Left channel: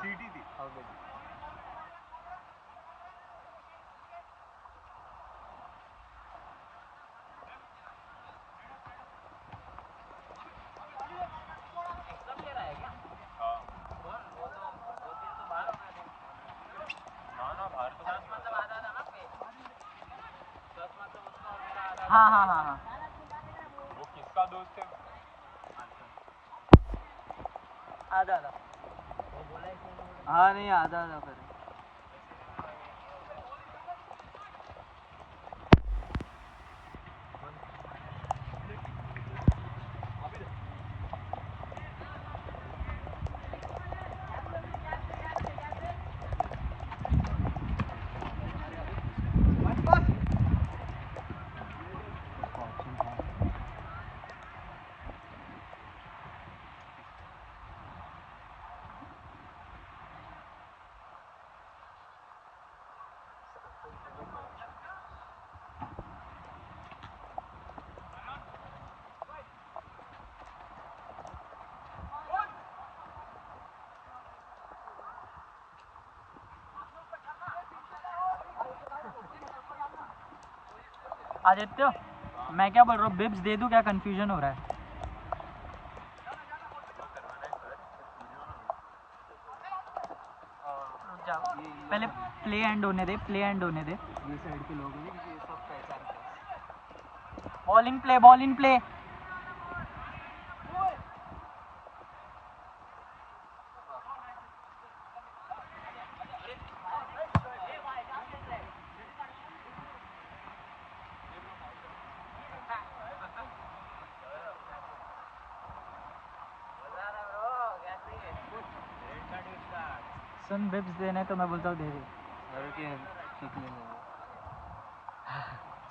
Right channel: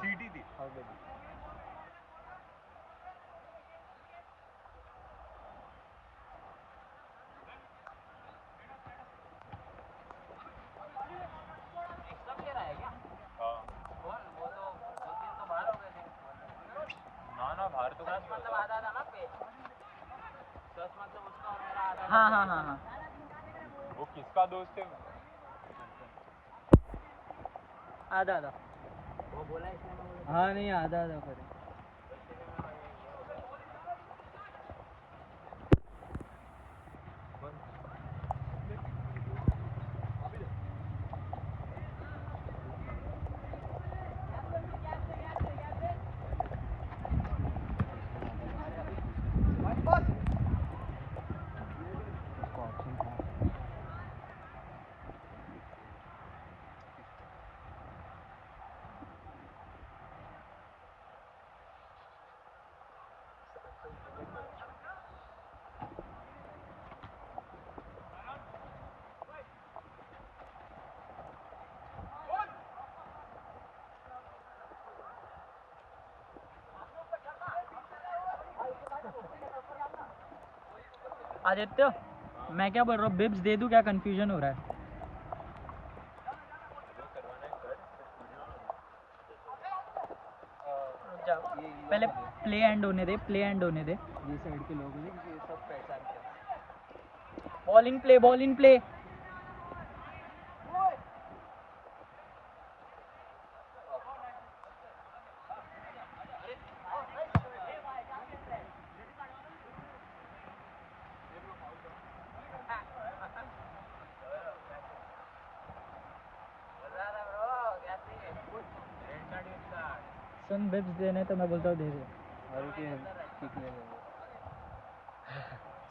सीटी थी। हाँ हाँ हाँ हाँ। वो किसका दोस्त है? आधा आधा। हाँ नहीं आधा आधा करे। आदित्य, मैं क्या बोल रहा हूँ, बिब्स दे दूँ क्या? कंफ्यूजन हो रहा है। पहले प्ले एंड होने दे, प्ले एंड होने दे। ये साइड के लोग हैं क्योंकि ये सब पहचानते हैं। Ball in play, ball in play. Soon, bibs देने तो मैं बोलता हूँ दे दे।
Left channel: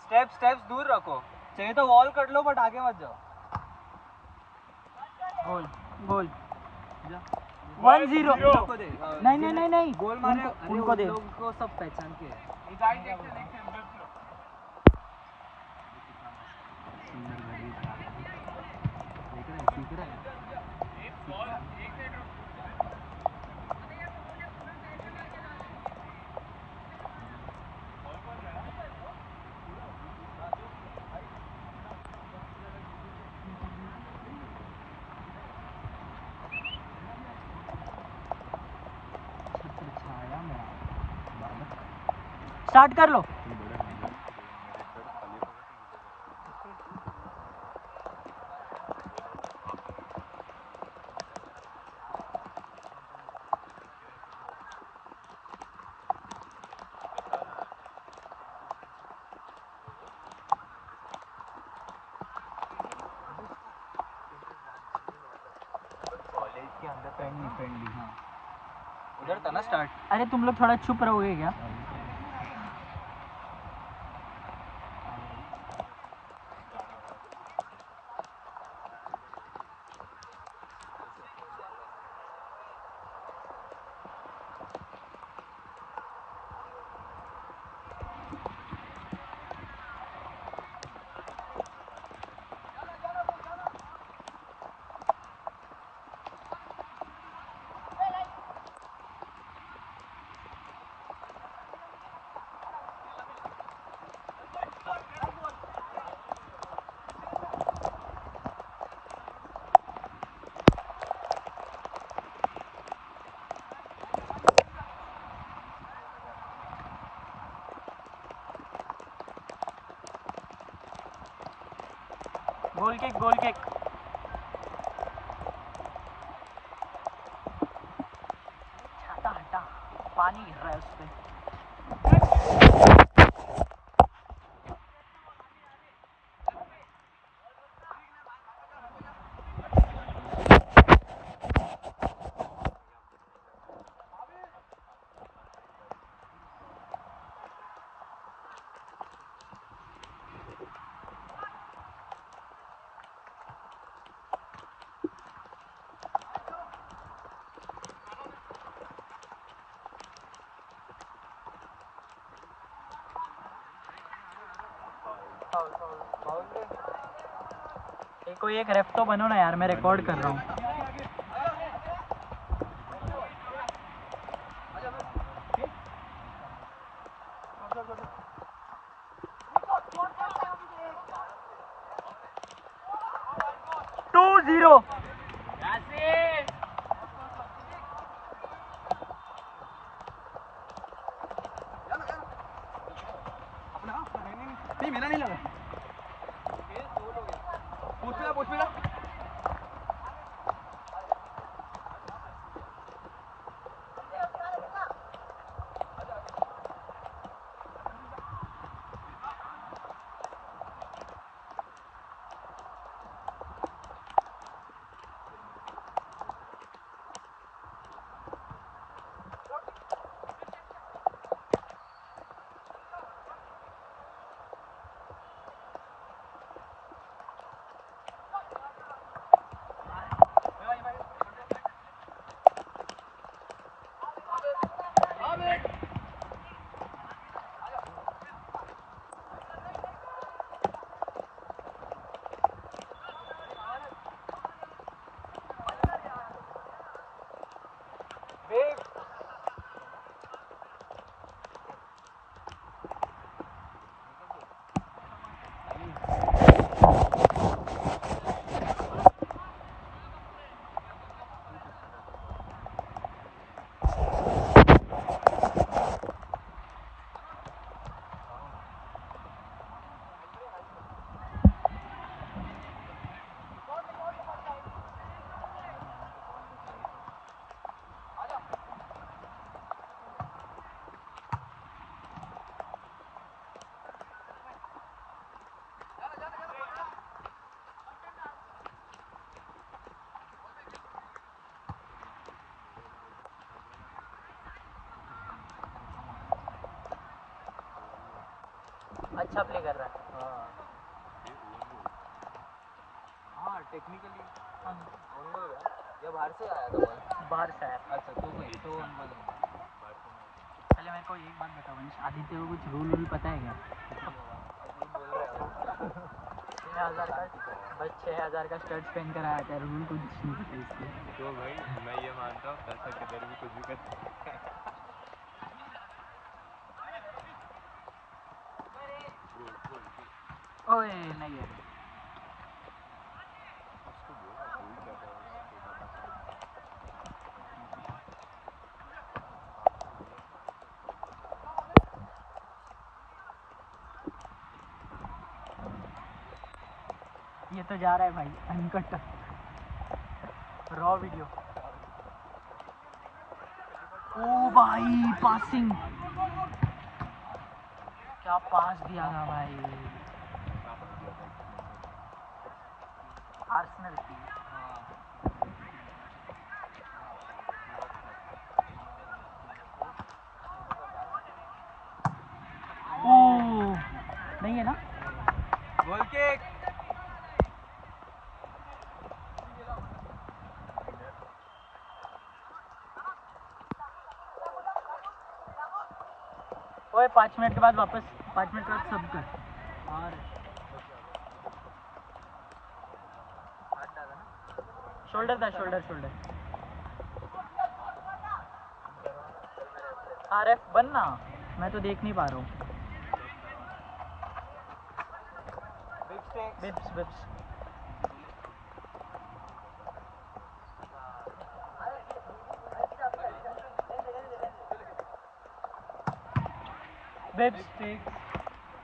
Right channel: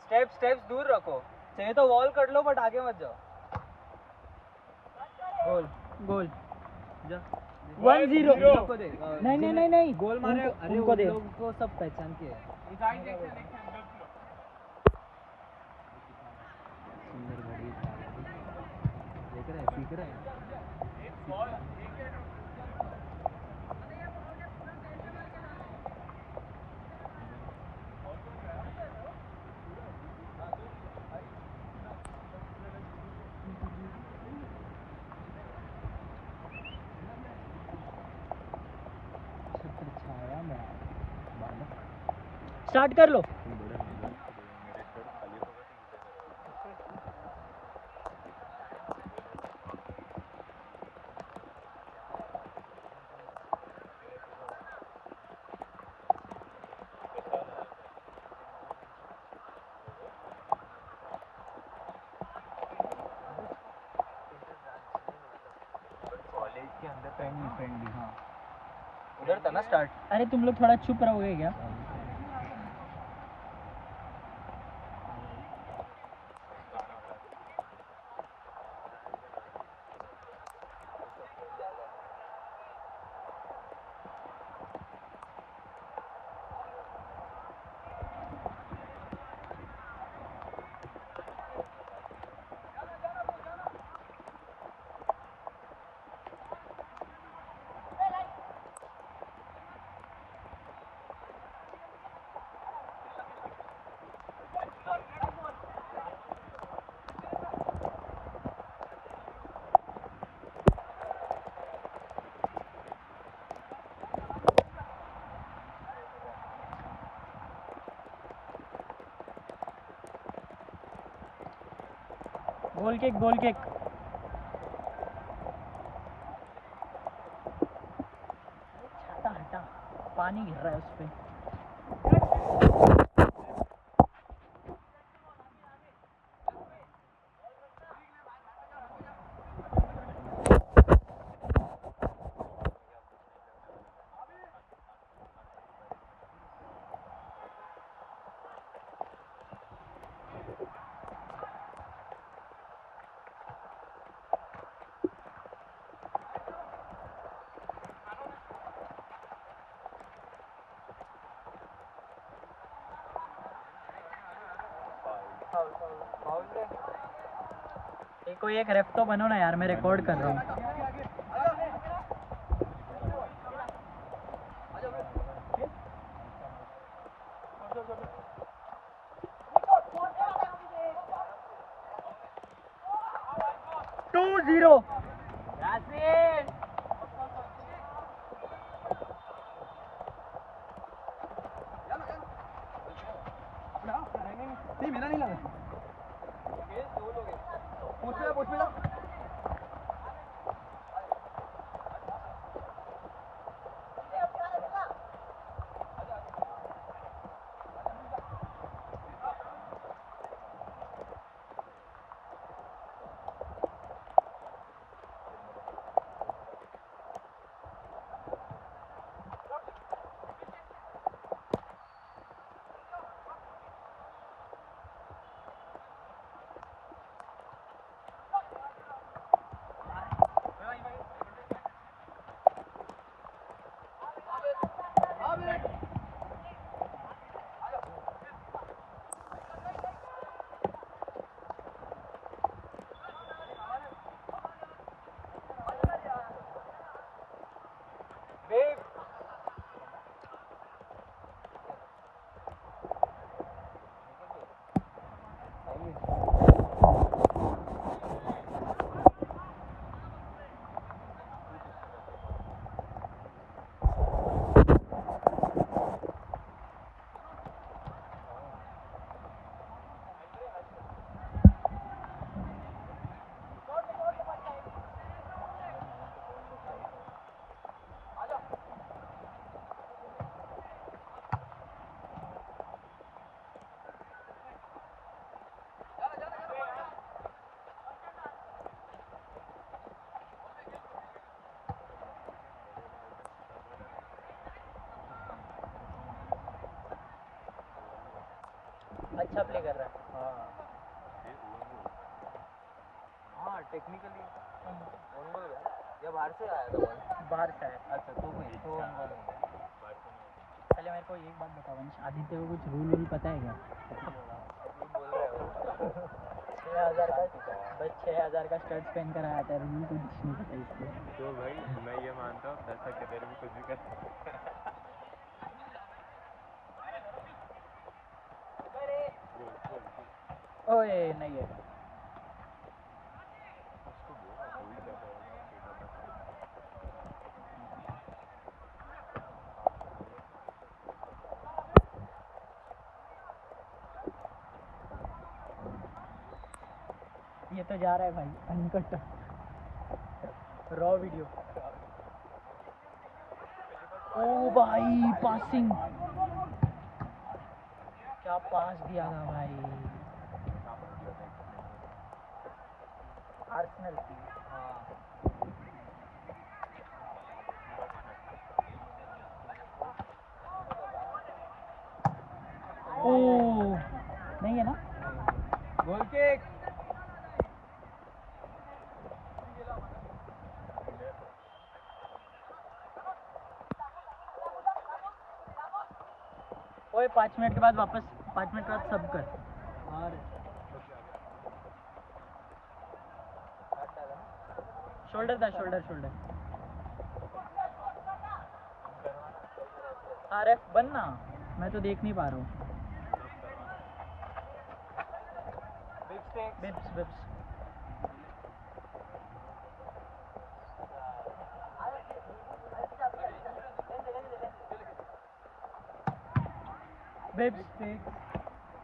स्टेप्स दूर रखो, चाहिए तो वॉल कर लो बट आगे मत जाओ। गोल गोल। जा 1-0। नहीं नहीं नहीं नहीं, गोल मारे उनको दे। लोग को सब पहचान के है। सुंदर घड़ी देख रहा है, सीख रहा है। स्टार्ट कर लो। के अंदर फ्रेंडली हाँ उधर था ना स्टार्ट। अरे तुम लोग थोड़ा चुप रहोगे क्या? Goal kick, goal kick. छाता हटा, पानी गिर रहा है उस पे। कोई एक रेफ तो बनो ना यार, मैं रिकॉर्ड कर रहा हूँ। 0. यासीन नहीं मेरा नहीं लगा पोस्ट पे अच्छा प्ले कर रहा है। हाँ टेक्निकली या बाहर से आया था बॉल? बाहर से आया। अच्छा तो नहीं तो अनबॉल नहीं। पहले मेरे को एक बात बताओ वंश, आदित्य को कुछ रूल पता है क्या? बोल रहे हो 6000 का बस 6000 का स्टड स्पेंड कराया था, रूल कुछ नहीं पता इसको। तो भाई मैं ये मानता हूँ पैसा के दर भी कुछ भी कर सकते हैं। ओए नहीं है। उसको बोलना कोई कर रहा है छोटा बच्चा। ये तो जा रहा है भाई अनकट रॉ वीडियो। ओ भाई पासिंग, क्या पास दिया था भाई। आर्सेनल की ओ नहीं है ना। Goal kick. ओए 5 मिनट के बाद वापस, 5 मिनट के बाद सब कर। और शोल्डर था, शोल्डर। आरएफ बनना, मैं तो देख नहीं पा रहा हूँ। बिप्स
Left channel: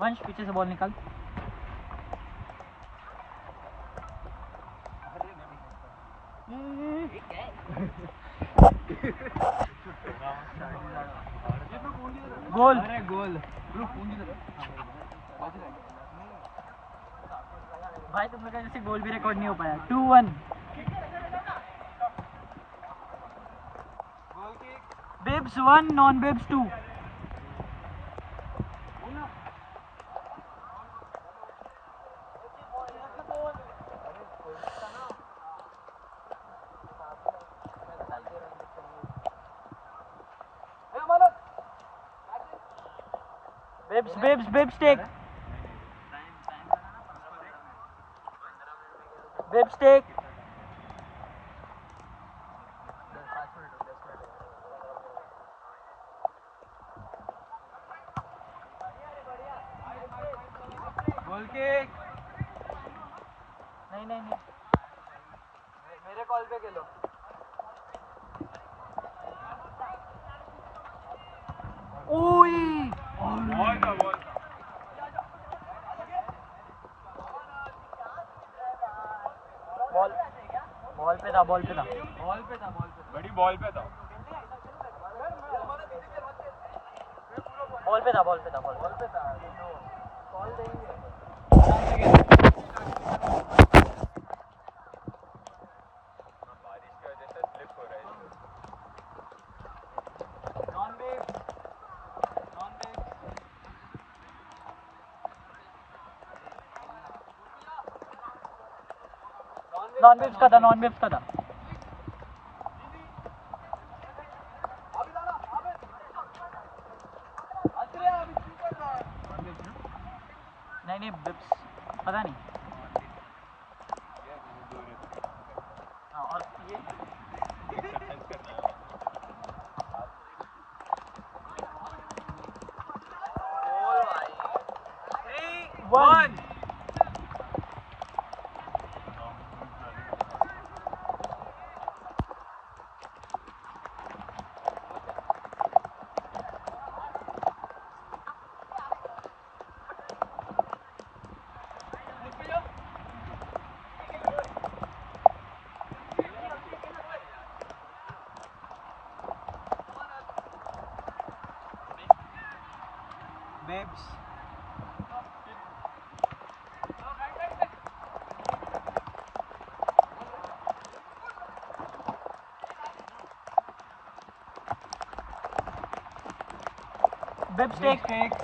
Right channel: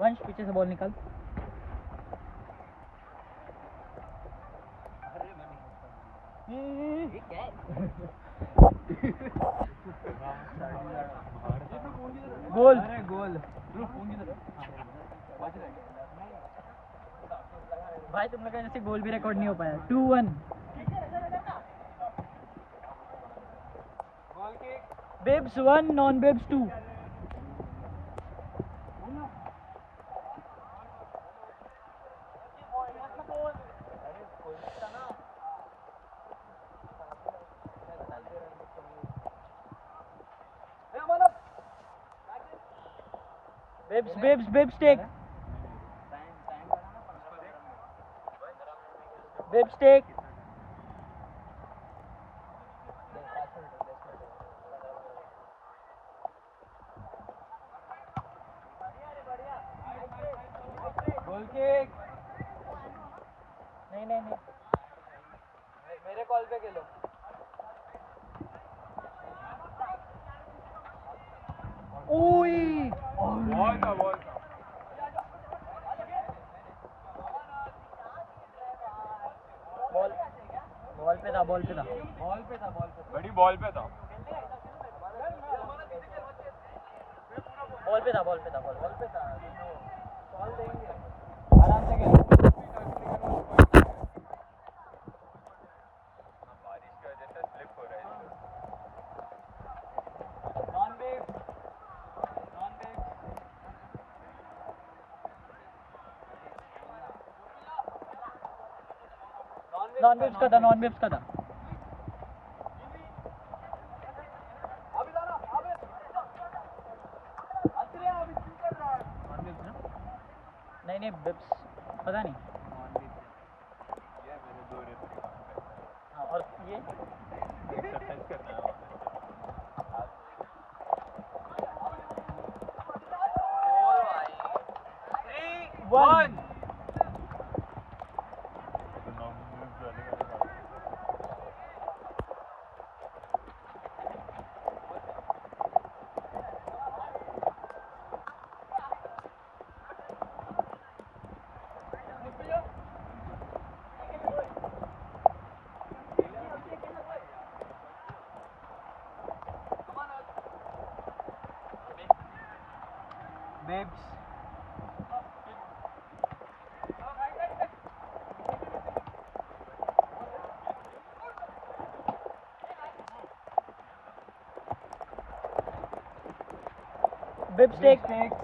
वंश पीछे से बॉल निकाल। गोल गोल भाई, तुम लोग का जैसे गोल भी रिकॉर्ड नहीं हो पाया। 2-1 bibs 1 non bibs 2। Bibs take bibs take. Goal kick. नहीं मेरे कॉल पे खेलो। ओए बॉल था बॉल पे था बड़ी बॉल पे था। कॉल देंगे। आराम से खेल। बारिश की वजह से स्लिप हो रहा है। नॉन बेस नॉन वेव्स का था। नहीं बिप्स पता नहीं। हाँ और ये एक्सरसाइज करना है। One bibs bibs take takes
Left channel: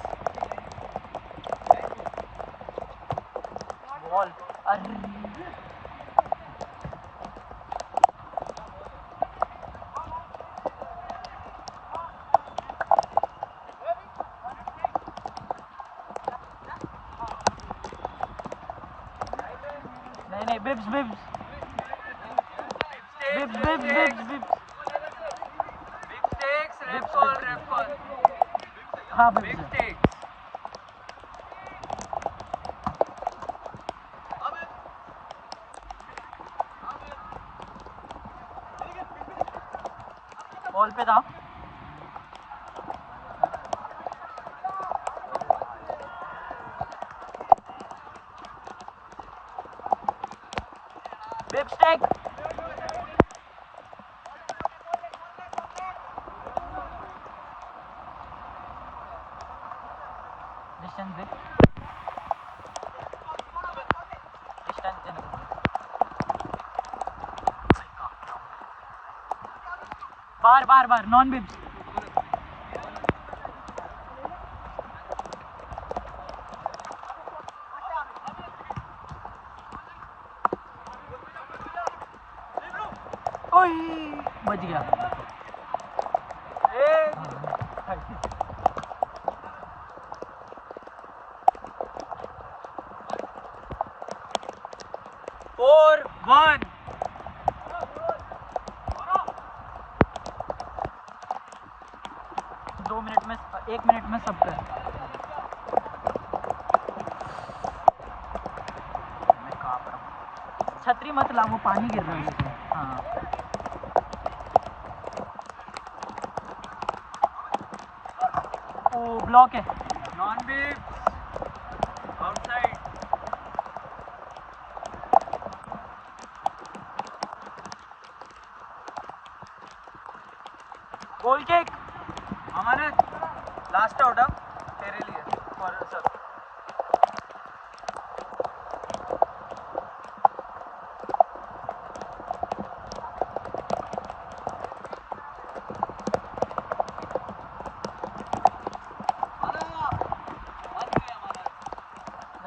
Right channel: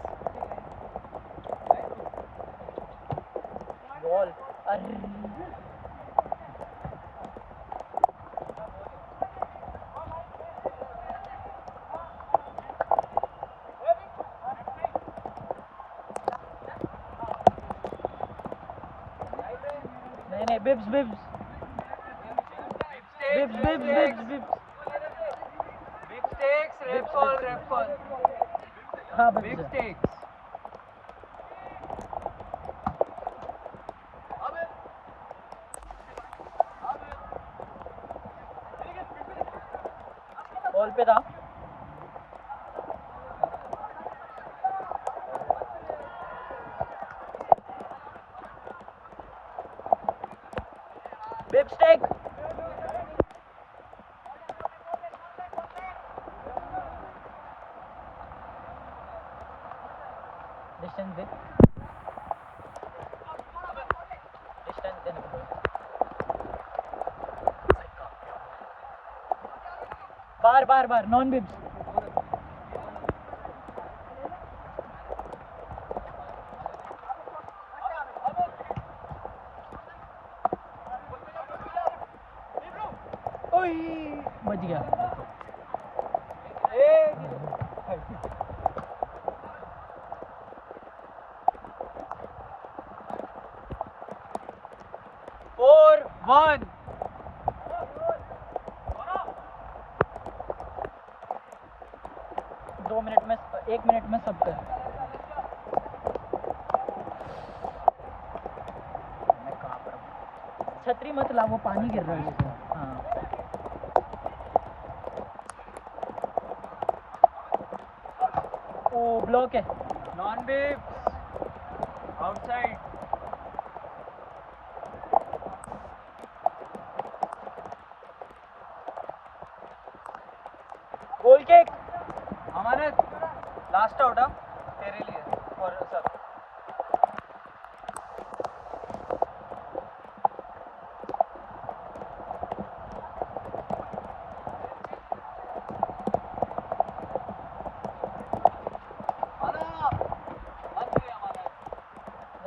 ball. अरे नहीं बिप्स रेड कॉल हाँ बिग बिप्स टेक्स बॉल पे था। बिप्स टेक डिस्टेंस देने को बोला। बार नॉन बिप्स। ओए बच गया। फोर वन 2 मिनट में 1 मिनट में सब कर। मैं कहाँ पर हूँ? छतरी मत ला, वो पानी गिर रहा है उसमें। हाँ वो ब्लॉक है। नॉन बेब्स आउटसाइड गोल किक। अमानत लास्ट आउट तेरे लिए फॉर सब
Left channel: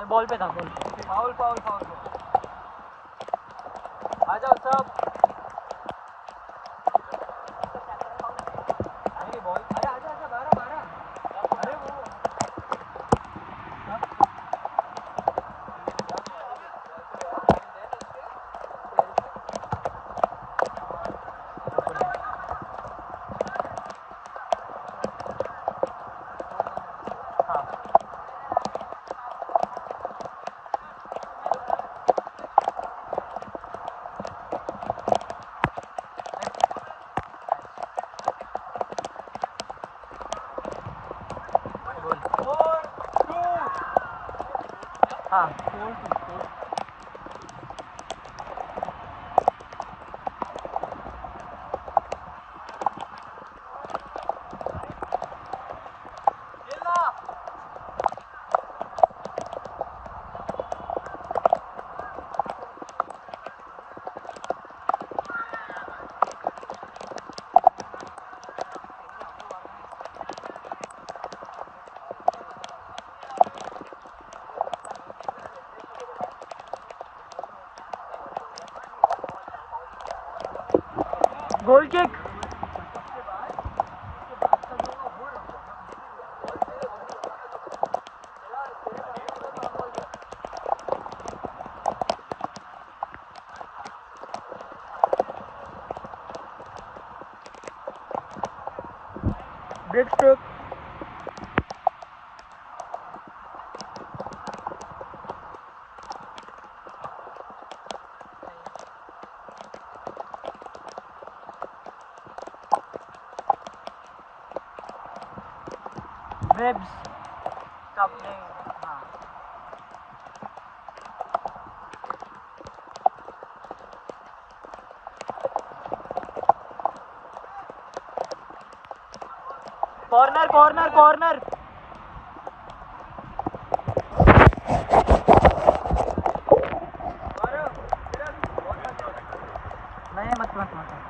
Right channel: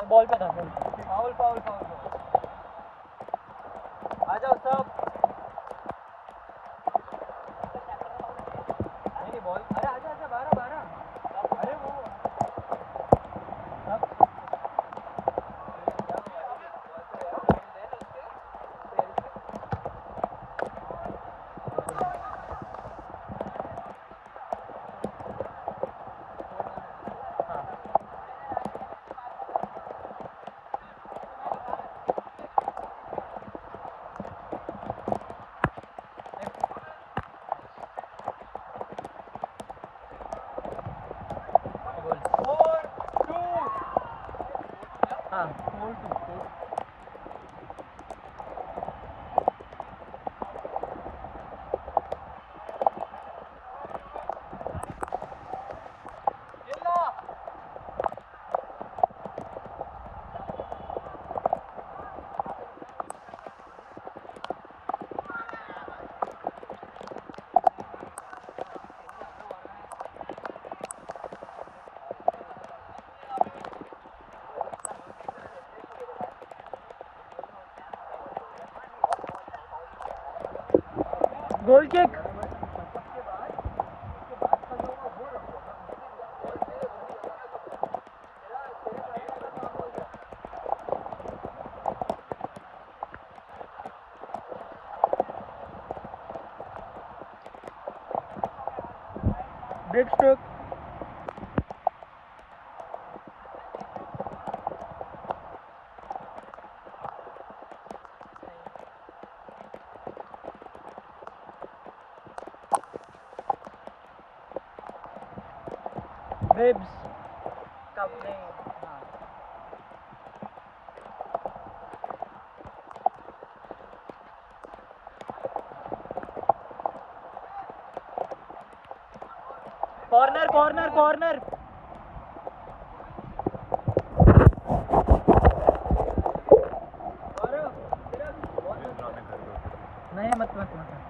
बॉल पे था बॉल। फाउल आ जाओ सब नहीं बॉल अरे आजा 12 अरे वो हाँ गोल किक ब्रेक स्ट्रोक वेब्स कप नहीं हाँ कॉर्नर कॉर्नर कॉर्नर नहीं मत मत मत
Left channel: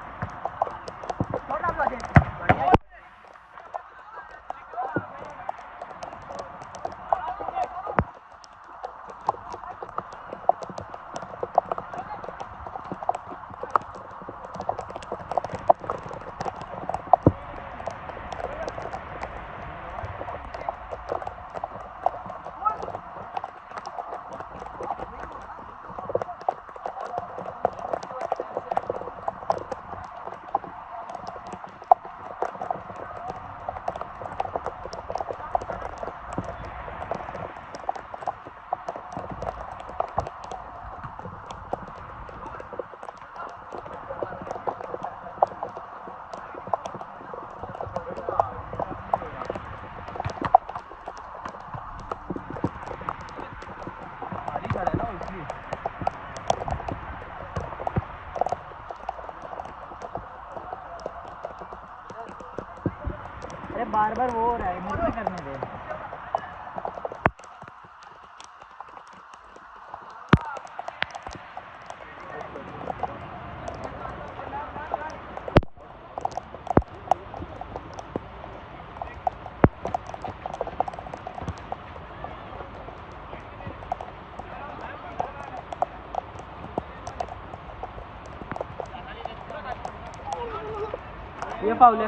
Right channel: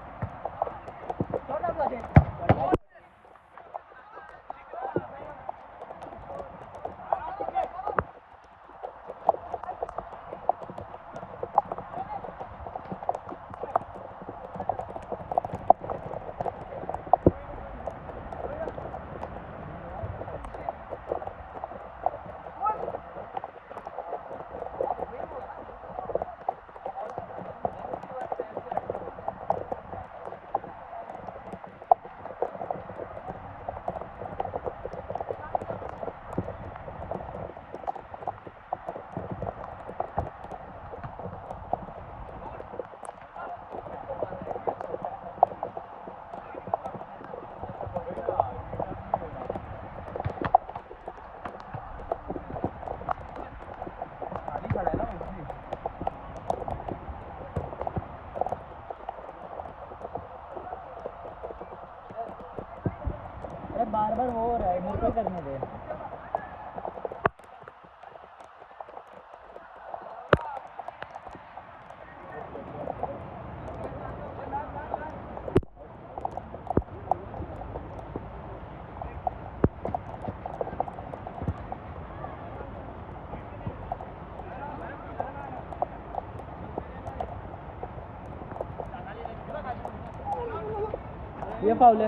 अरे बार बार वो हो रहा है मुझे करने दे ये फाउल है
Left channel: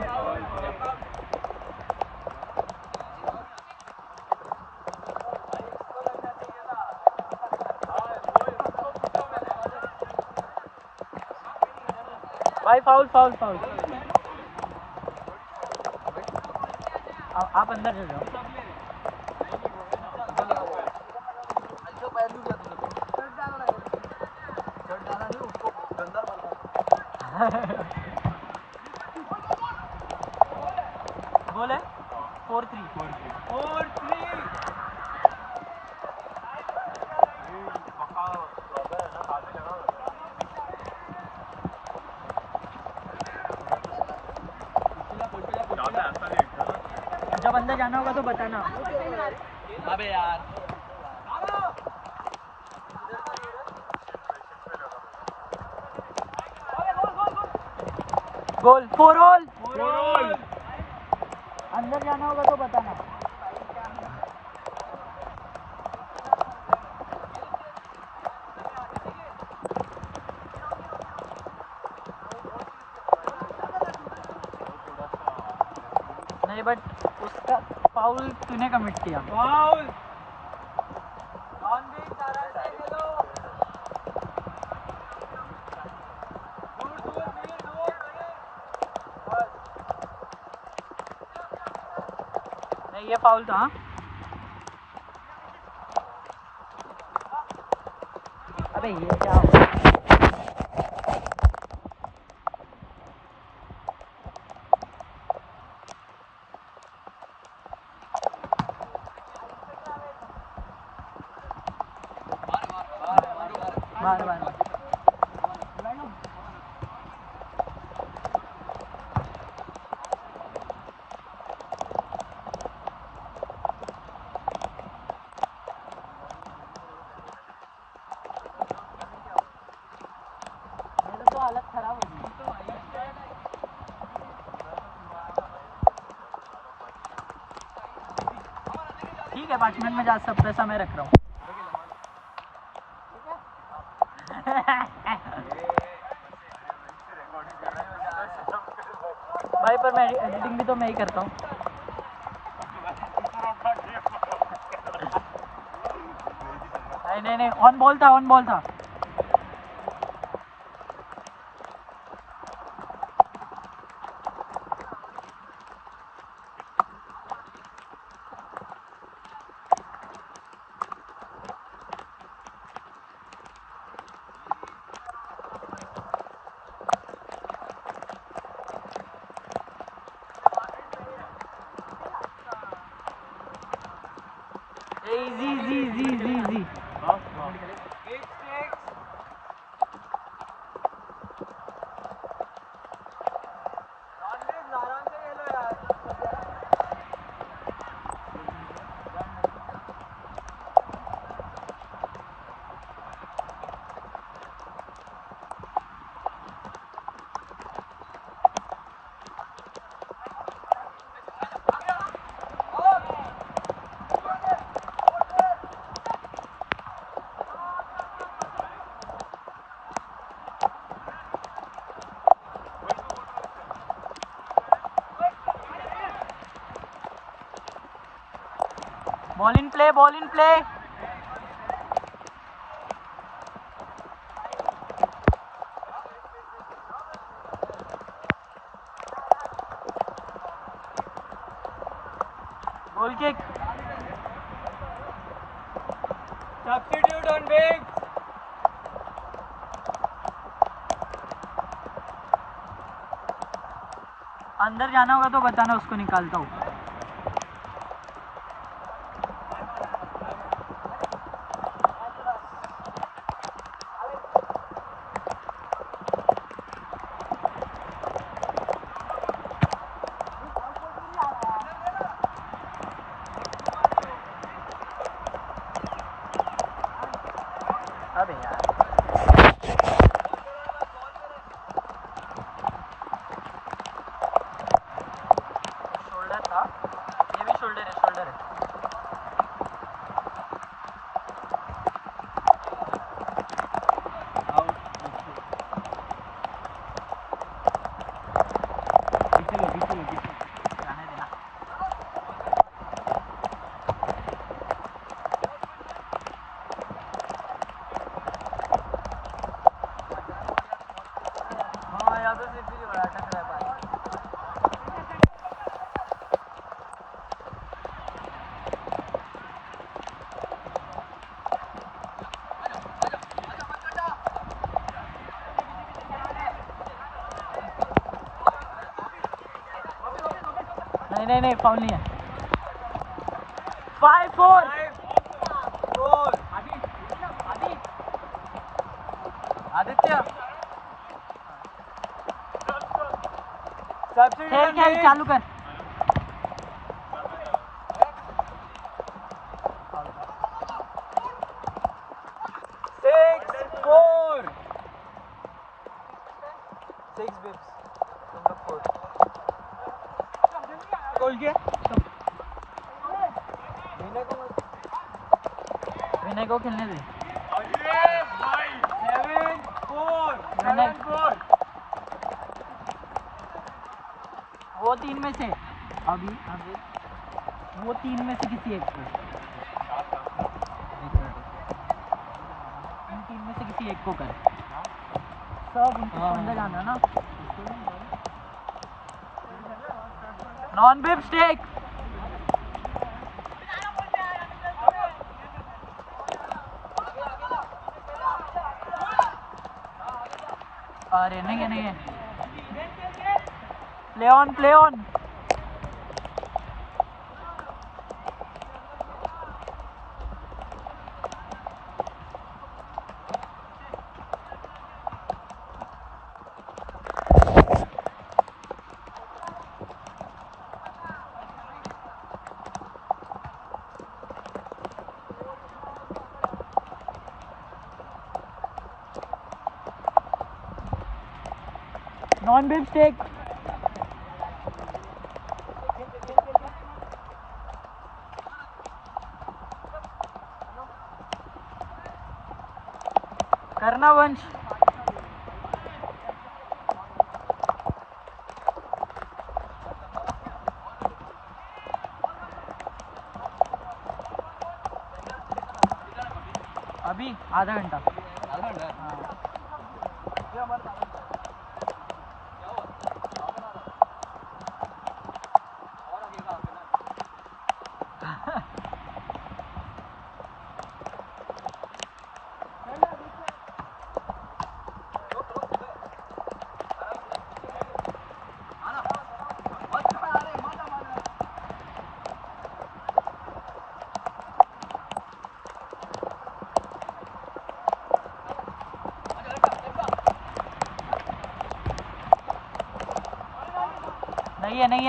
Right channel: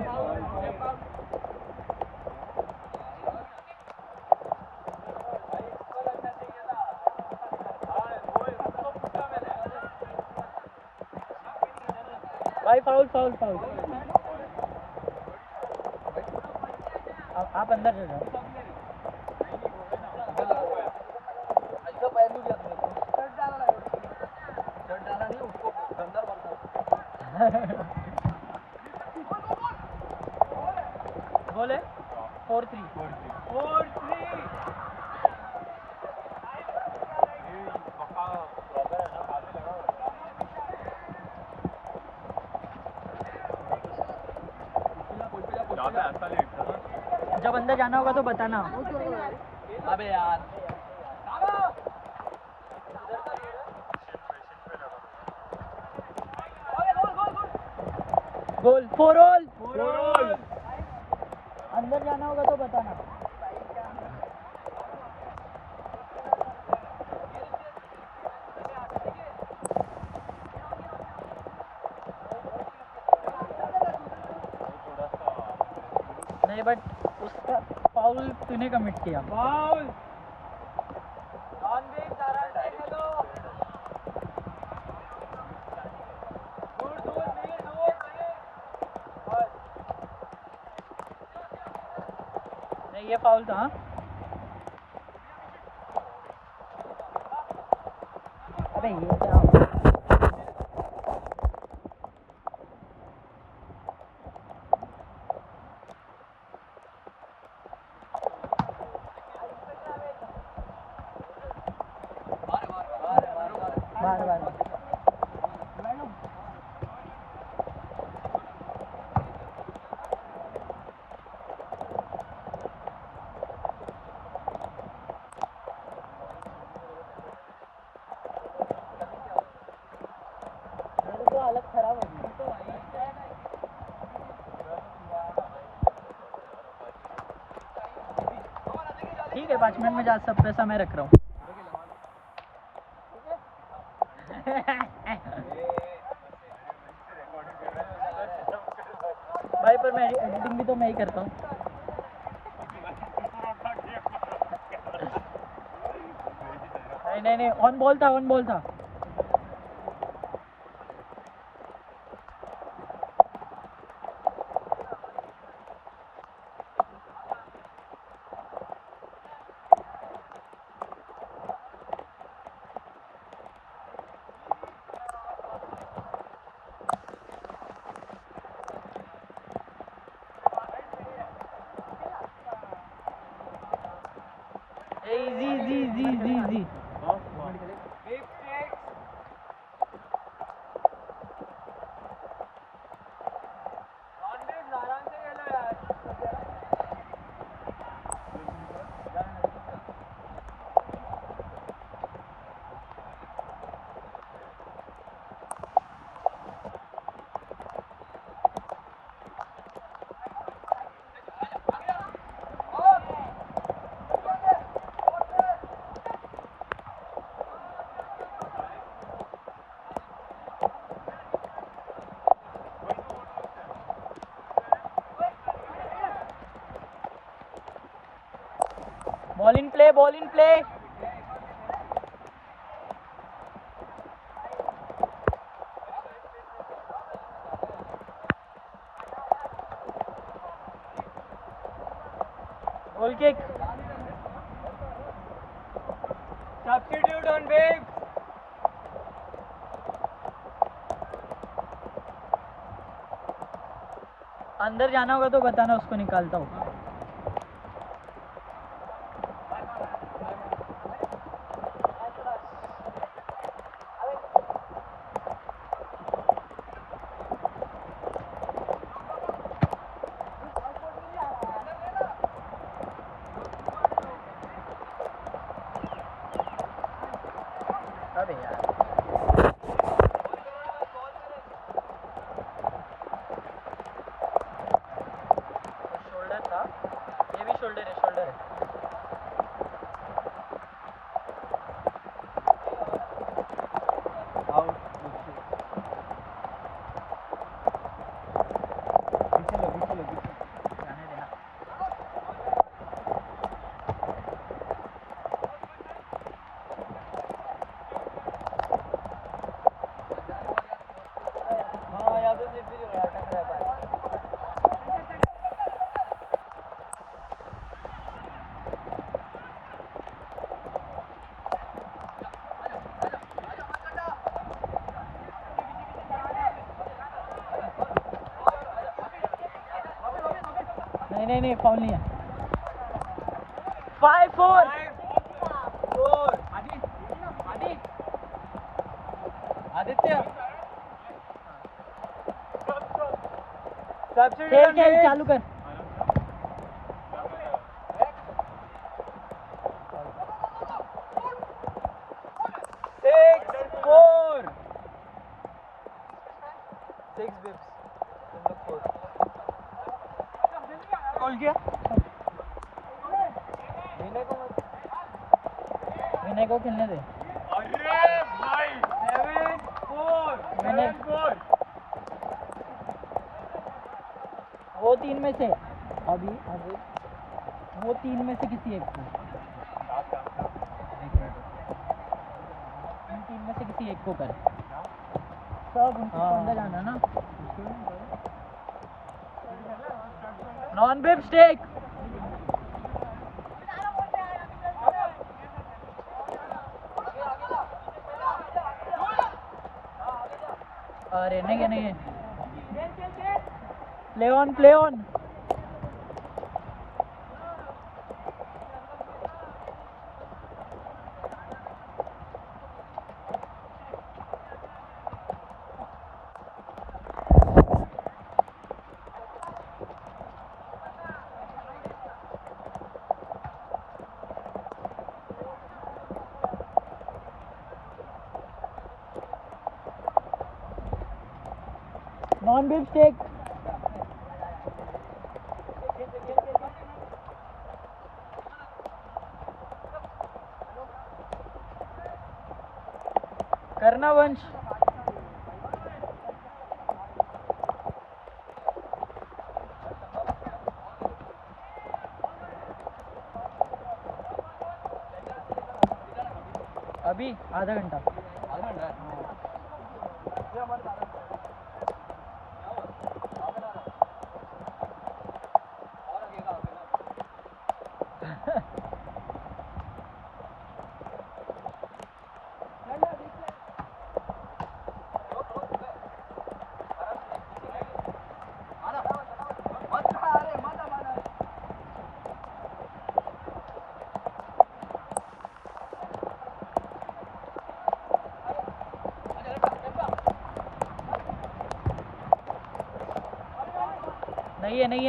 भाई फाउल फाउल फाउल आप अंदर चल जाओ गोल है 4-3 जब अंदर जाना होगा तो बताना अबे यार गोल 4 ऑल अंदर जाना होगा तो बताना नहीं बट उसका फाउल तूने कमिट किया फाउल नहीं ये फाउल था अबे ये क्या हो बार बार मेरे तो हालत खराब हो गई। ठीक है 5 मिनट में जा, सब पैसा मैं रख रहा हूँ। भाई पर मैं एडिटिंग भी तो मैं ही करता हूँ। नहीं ऑन बॉल था। Easy. Ball in play. Goal kick. Substitute on Biggs. अंदर जाना होगा तो बताना, उसको निकालता हूँ। अबे यार शोल्डर था, ये भी शोल्डर है। जाने देना। नहीं फाउल नहीं है। 5-4 आदित्य खेल चालू कर। गोल किया विनय को खेलने दे। वो 3 में से अभी वो 3 में से किसी एक को, इन 3 में से किसी एक को कर। सब उनके अंदर जाना ना। Non bib stake. अरे नहीं play on. Non big stake. करना वंश. अभी आधा घंटा.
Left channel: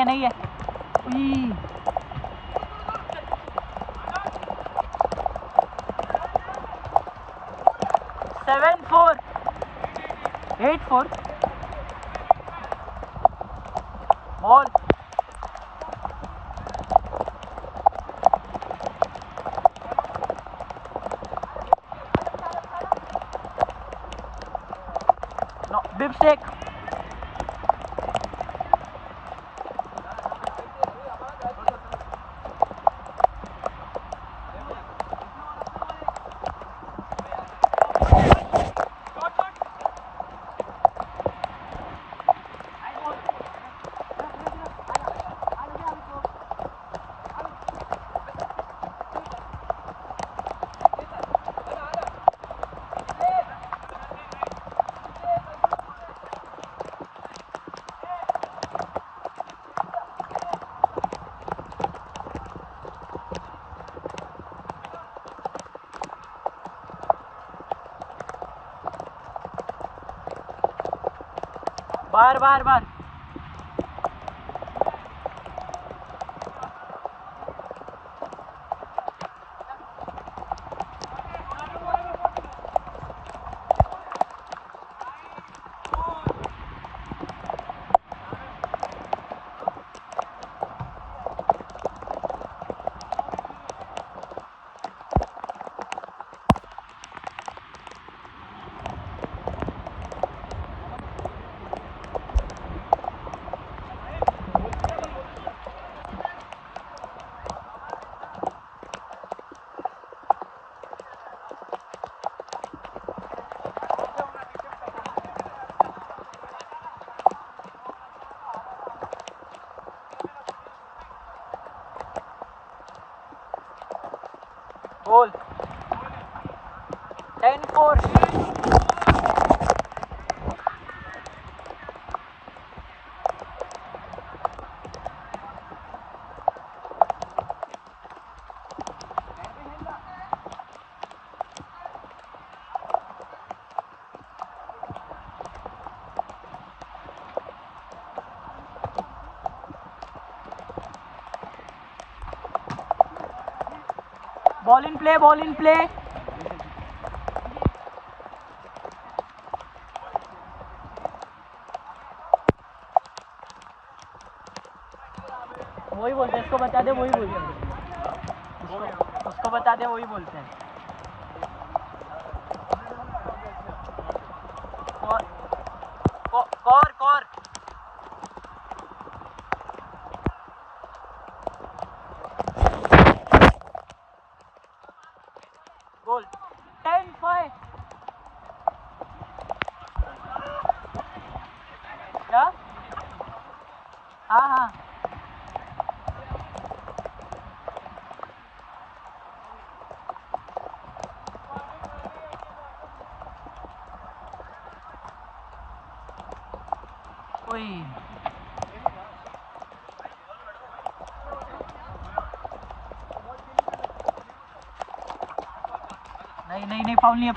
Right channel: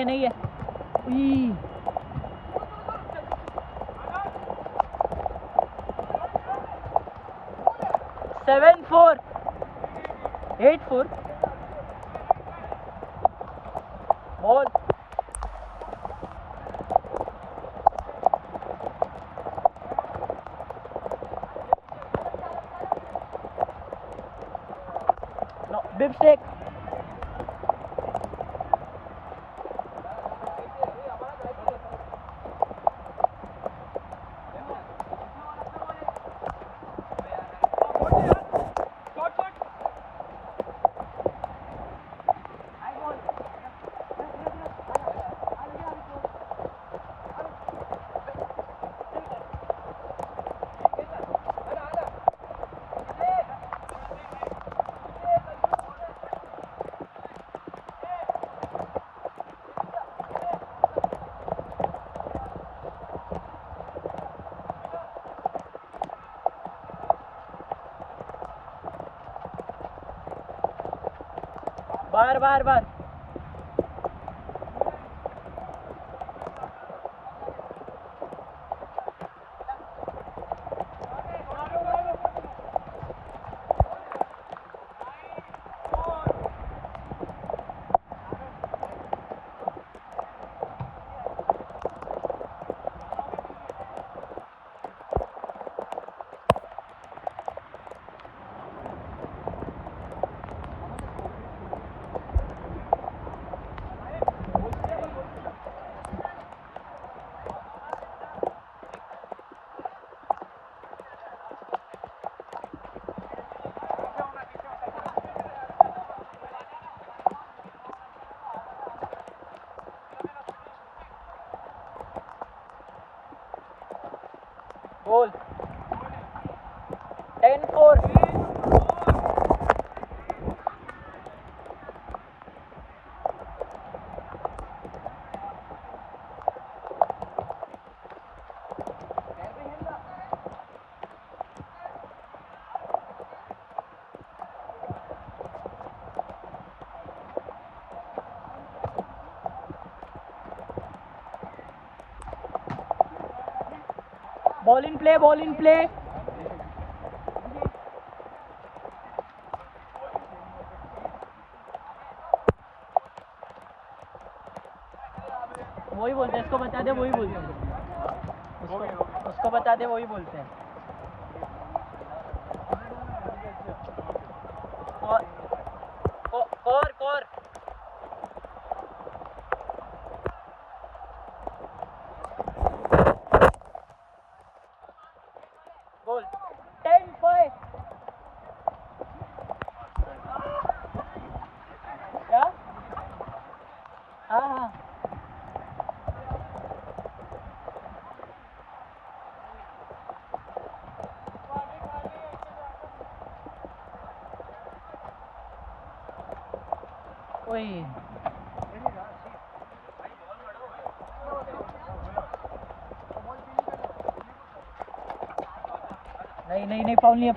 नहीं है. 7-4. 8-4. बॉल. No big stake. बार. गोल. 10-4. Ball in play. वही बोलते हैं. इसको बता दे. वही बोलते हैं. उसको बता दे. वही बोलते हैं. कोर. गोल. 10-5. क्या? हाँ. ओए. नहीं. फाउल नहीं है.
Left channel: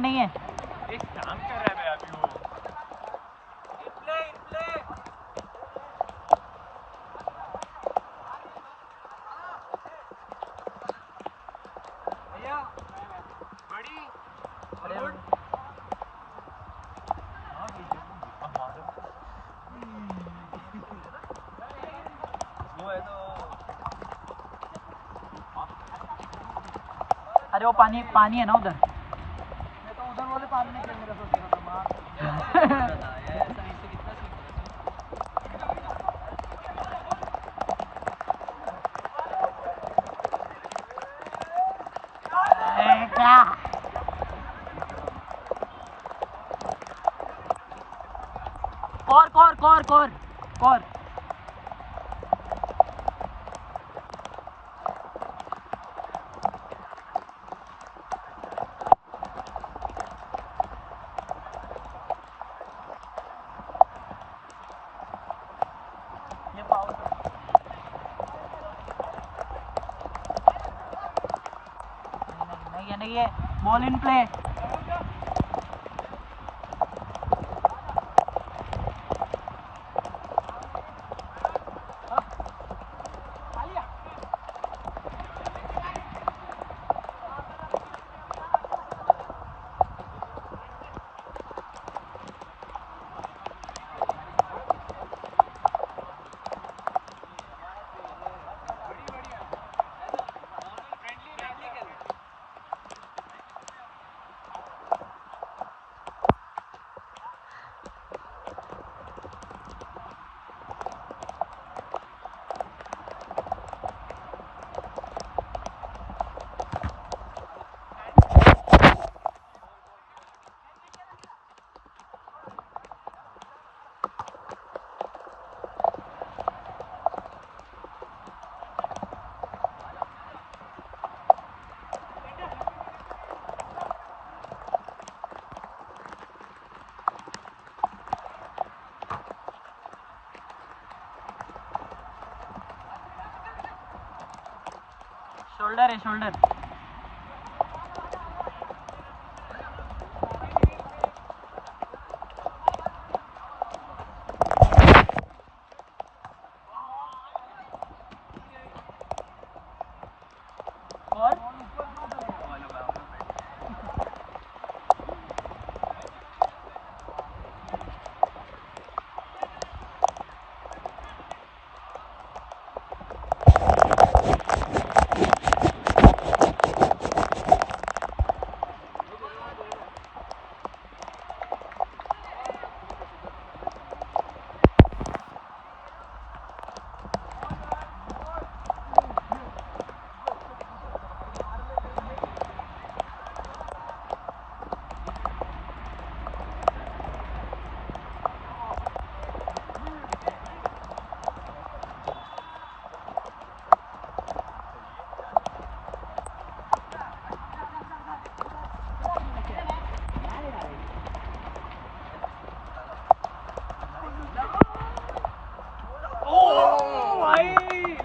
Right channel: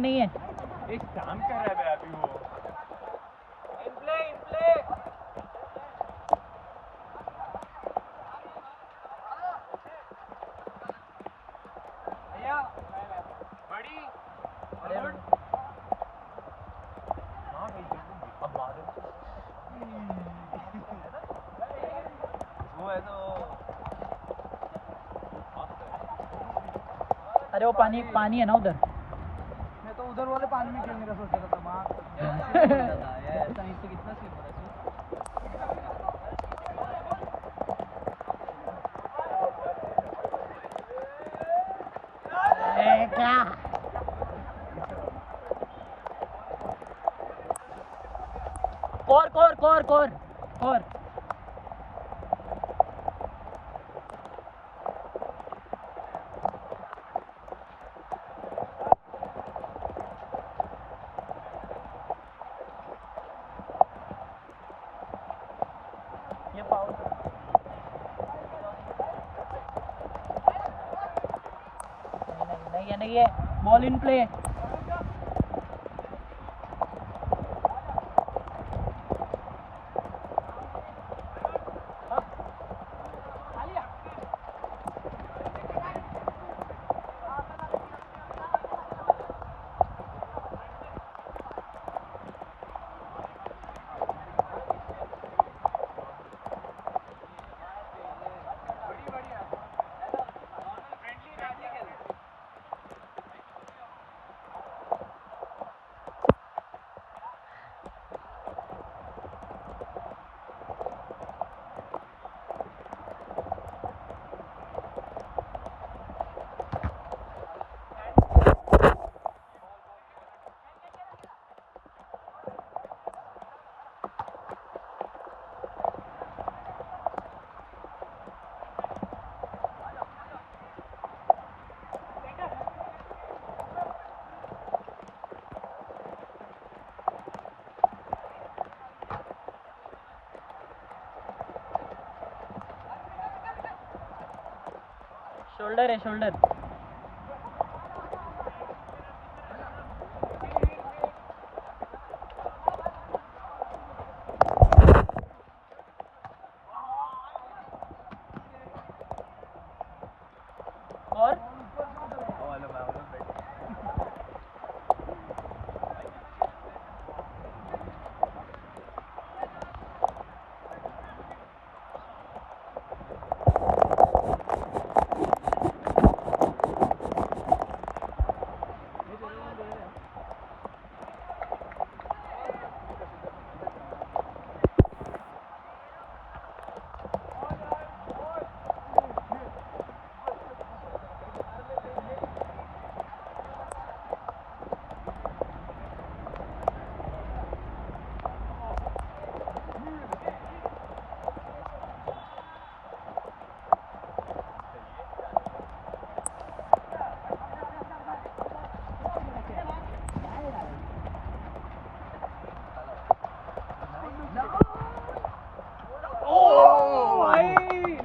नहीं है. एक काम कर रहा है अभी वो. अरे वो पानी पानी है ना उधर। मैं तो उधर वाले पानी में खेलने का सोच रहा था मार साइड से कितना सीन है क्या? कोर कोर कोर कोर कोर। ये फाउल नहीं नहीं है बॉल इन प्ले। शोल्डर है शोल्डर। और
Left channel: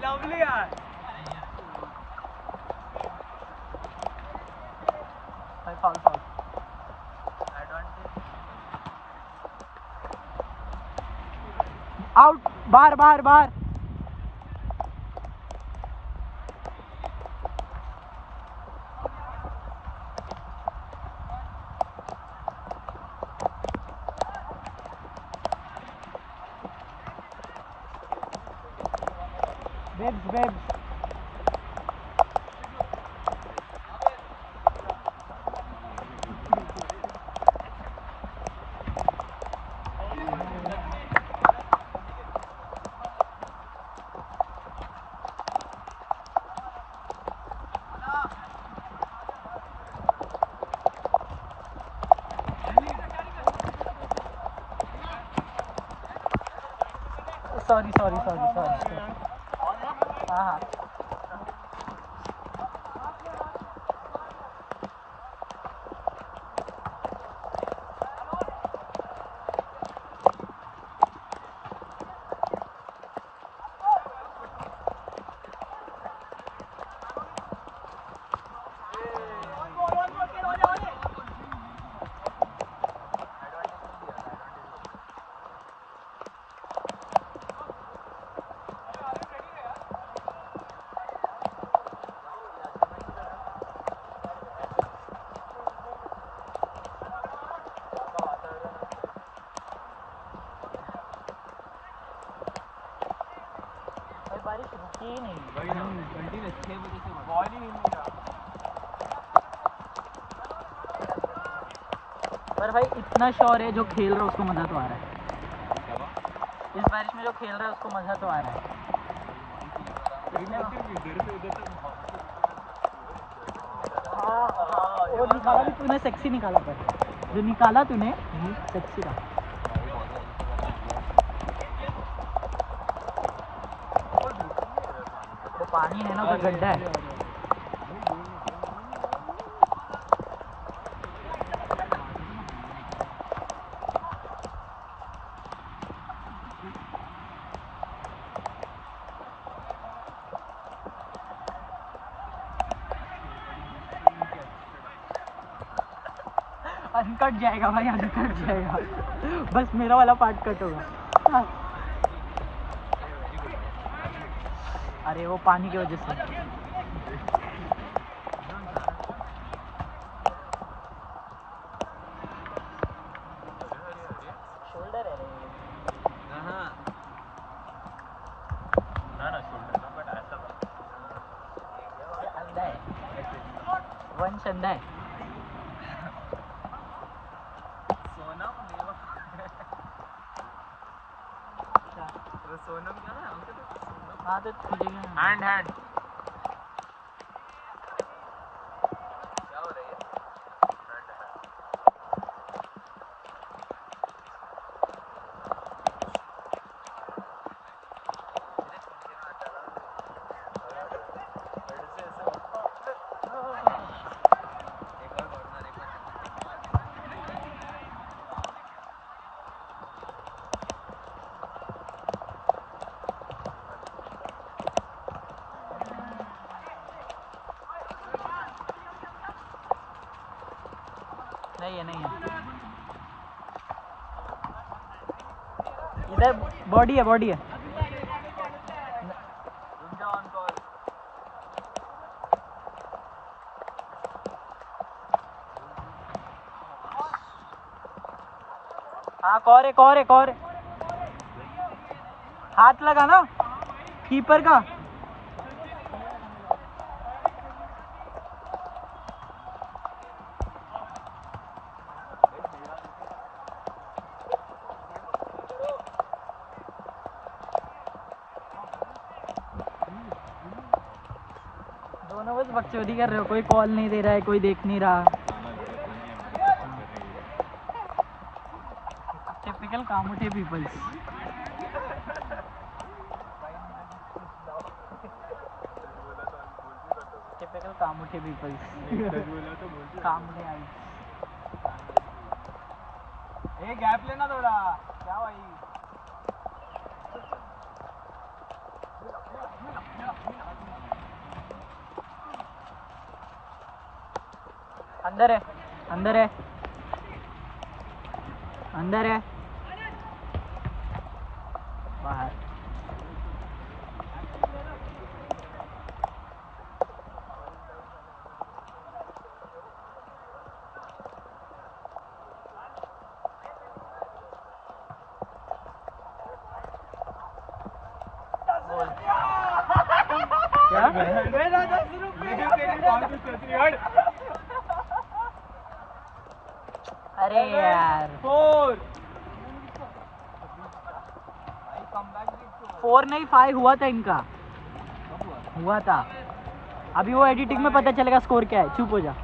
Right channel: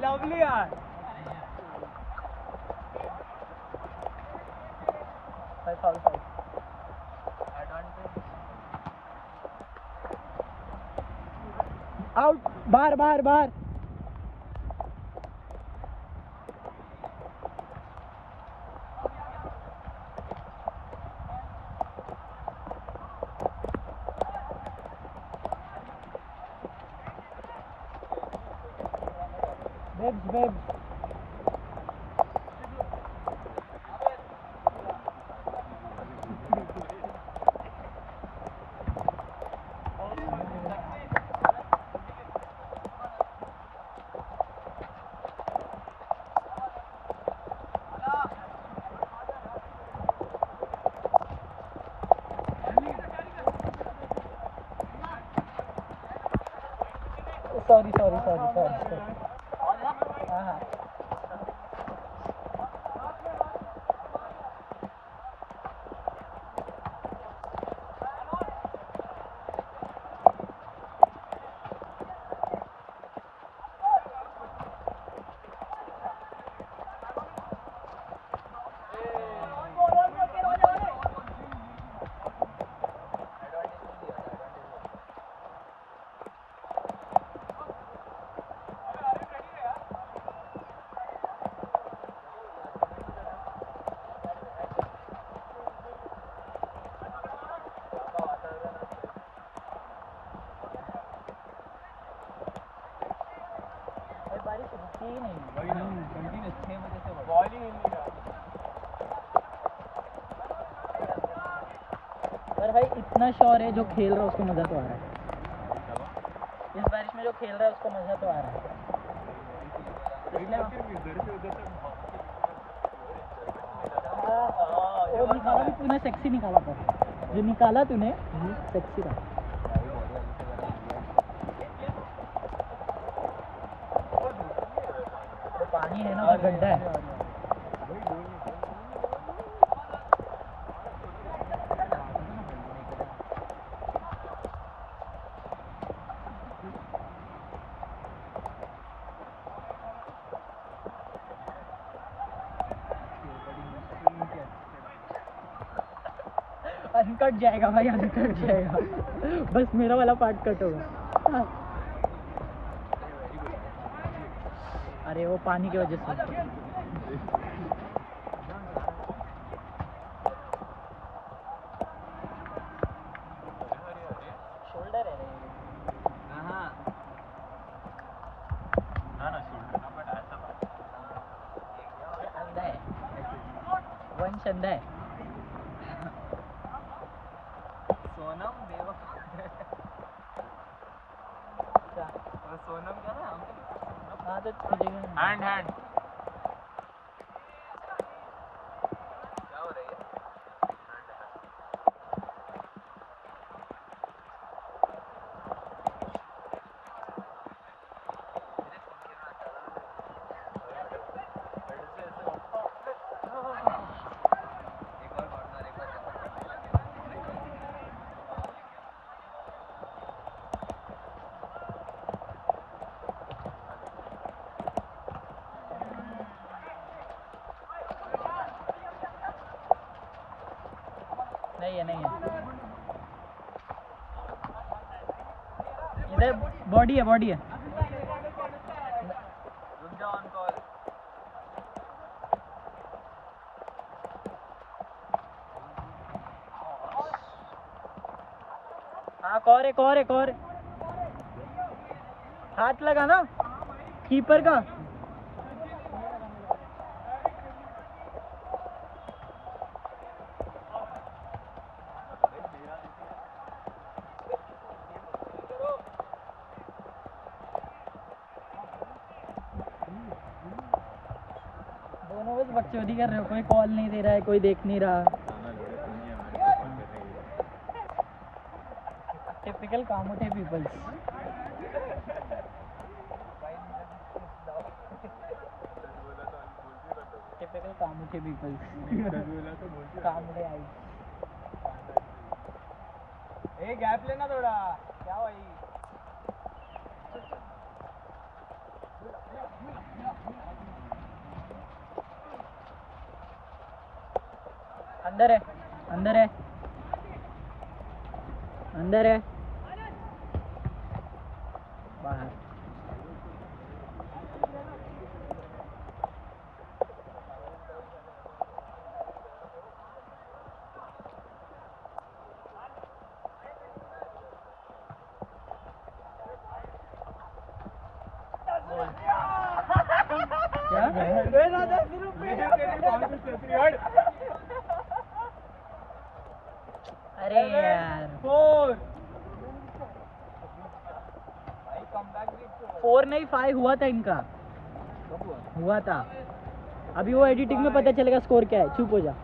लवली यार। भाई फाउल फाउल। आउट बाहर बाहर बाहर। Bibs bibs sorry sorry sorry sorry. हाँ हाँ बारिश रुकी ही नहीं। कंटिन्यू 6 बजे से बॉल ही नहीं मिल रहा। पर भाई इतना श्योर है जो खेल रहा है उसको मज़ा तो आ रहा है। इस बारिश में जो खेल रहा है उसको मज़ा तो आ रहा है। वो निकाला भी तूने सेक्सी निकाला, पर जो निकाला तूने सेक्सी था। तो पानी है ना, उधर गड्ढा है। अनकट जाएगा भाई, अनकट जाएगा। बस मेरा वाला पार्ट कट होगा। अरे वो पानी की वजह से। शोल्डर है अंधा है, वंश अंधा है। सोनम क्या है? हाँ तो तुझे हैंड हैंड क्या हो रही है? नहीं है, नहीं है। इधर बॉडी है, बॉडी है। हाँ कौर है, कौर है, कौर है। हाथ लगा ना कीपर का। दोनों बस बकचोदी कर रहे हो, कोई कॉल नहीं दे रहा है, कोई देख नहीं रहा। टिपिकल कामुठे पीपल्स। टिपिकल कामुठे पीपल्स। कामुठे आई। ए गैप लेना थोड़ा, क्या भाई? अंदर है, अंदर है, अंदर है, बाहर। क्या? अरे यार 4 नहीं 5 हुआ था इनका, हुआ था। अभी वो एडिटिंग में पता चलेगा स्कोर क्या है। चुप हो जा।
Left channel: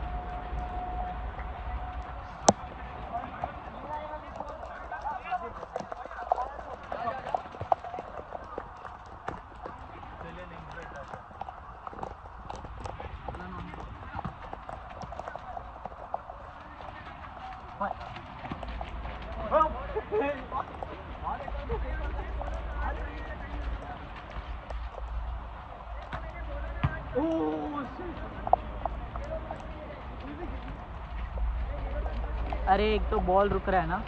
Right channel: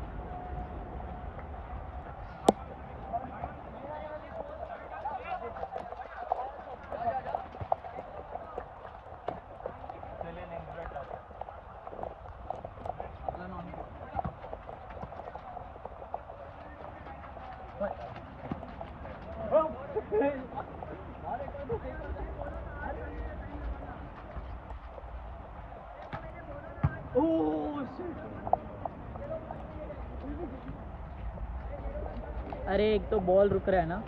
अरे एक तो बॉल रुक रहा है ना।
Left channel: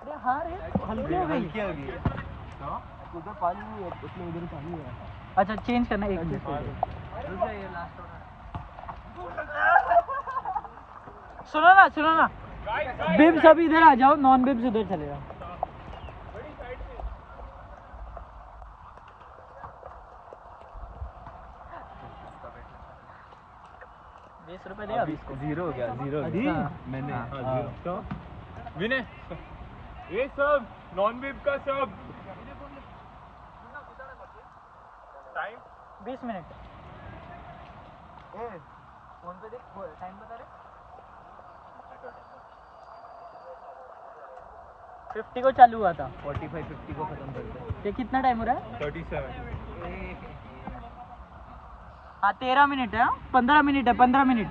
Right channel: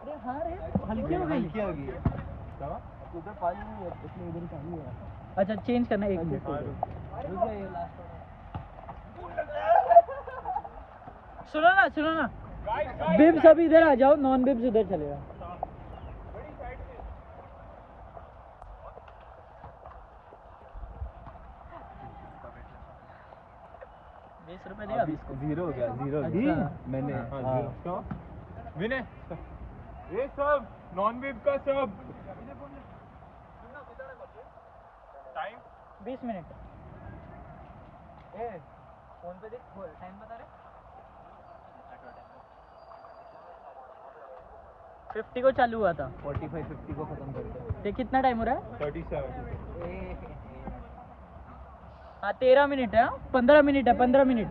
अरे हाँ रे, हल्की हो गई। उधर पानी नहीं है, इसलिए उधर पानी है। अच्छा चेंज करना है 1 मिनट। रुक जा, ये लास्ट सुनो ना बिब्स अभी इधर आ जाओ, नॉन बिब्स उधर चले जाओ। ₹20 दे अभी इसको। 0 हो गया 0 हो गया मैंने क्यों विनय ये सब नॉन वेब का सब टाइम 20 मिनट। फोन पे देख, टाइम बता रहे। 50 को चालू हुआ था। 45 50 को खत्म करते ये कितना टाइम हो रहा है? 37 हाँ 13 मिनट है। 15 मिनट है, 15 मिनट।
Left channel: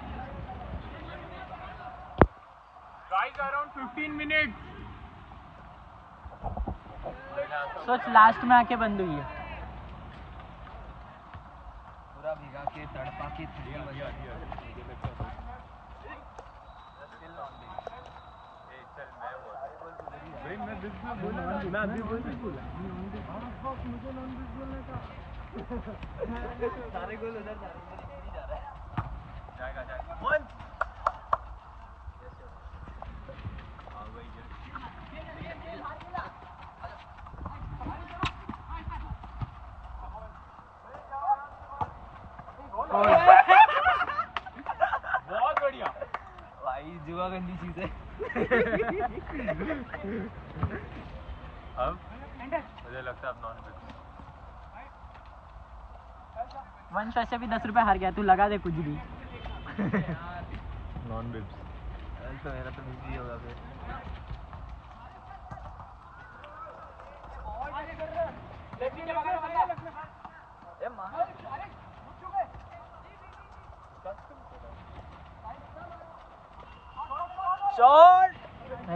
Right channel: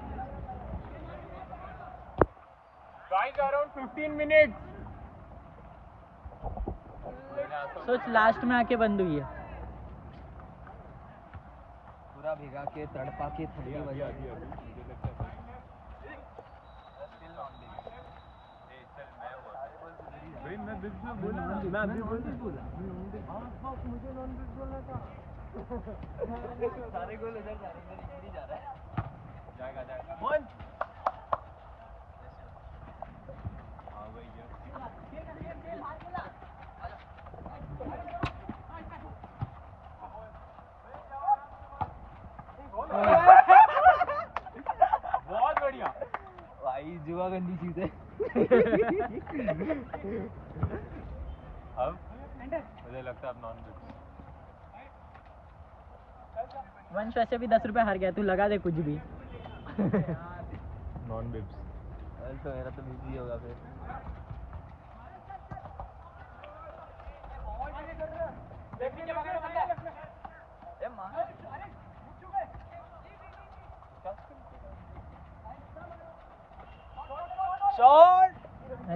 गाइस अराउंड 15 मिनट्स सोच लास्ट में आके बंद हुई है। पूरा भिगा के तड़पा के थोड़ी बजा। मैं बिल्कुल बोलूं ना मैं अभी बोल मुझे नॉन वेज बोलना था। सारे गोल उधर जा रहा है। जाएगा वन बहुत बढ़िया भाई, जुआ गंदी चीज है। अब मुझे लगता है अब नॉन वेज वंश वैसे भी ₹10 हार गया, तू लगा दे कुछ भी। नॉन वेज तो मेरा तो बिजी होगा फिर।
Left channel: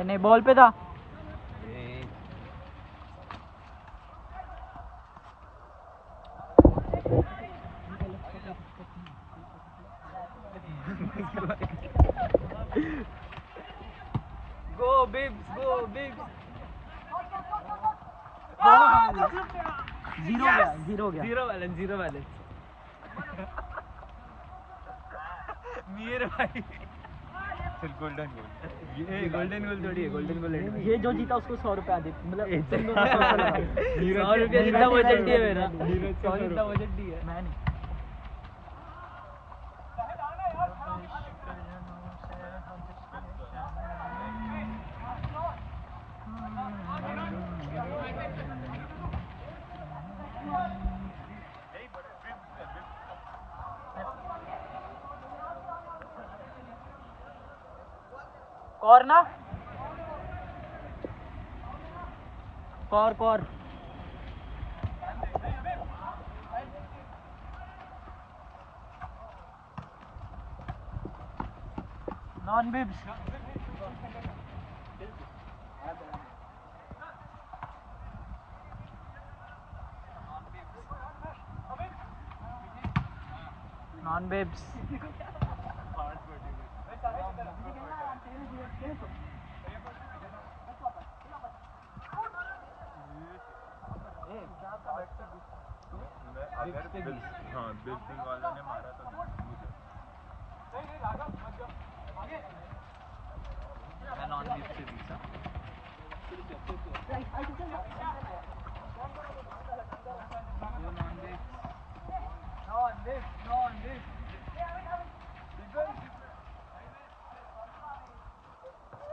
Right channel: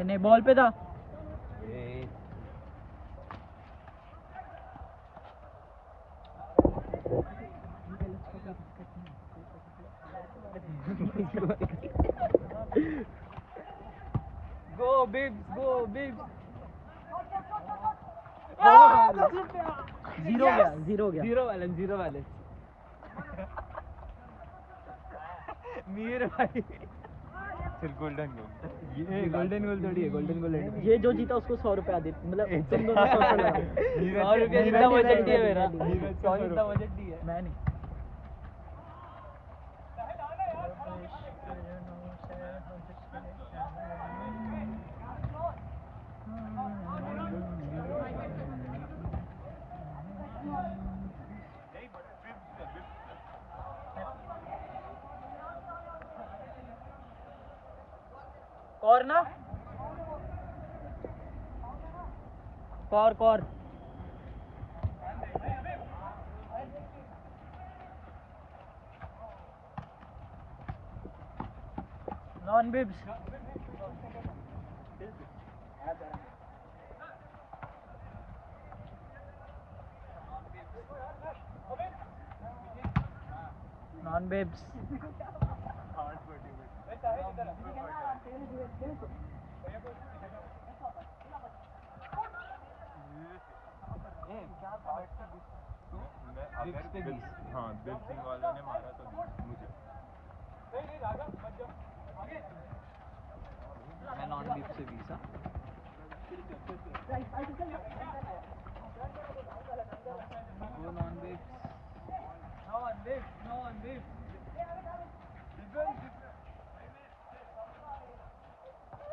नहीं बॉल पे था। गो बिब्स, गो बिब्स। 0 हो गया, 0 हो गया। Zero balance. मीर भाई सिर्फ गोल्डन गोल ये गोल्डन गोल थोड़ी है, गोल्डन गोल है। ये जो जीता उसको ₹100 आदि, मतलब तुम दोनों ₹100 लगा। 100 रुपये जितना बजट नहीं है मेरा। नीरज का 100 जितना बजट नहीं है। मैं नहीं। कौर ना Kaur non bibs. Non bibs. अगर हाँ बिल्कुल वालों ने मारा तो मुझे मैं नॉन बीफ से 20।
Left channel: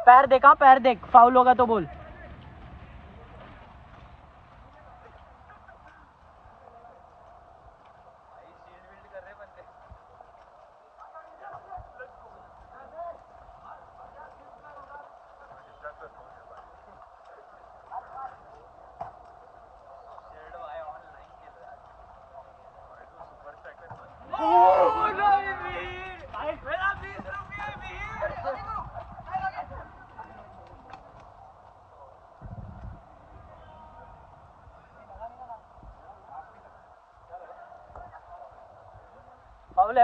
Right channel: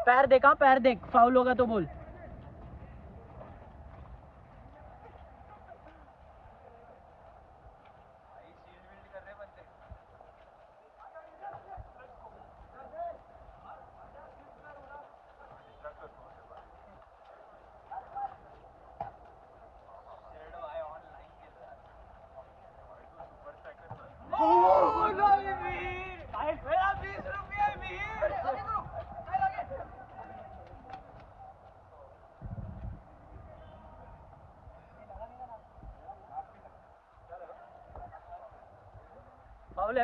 पैर देख, हाँ पैर देख, फाउल होगा तो बोल।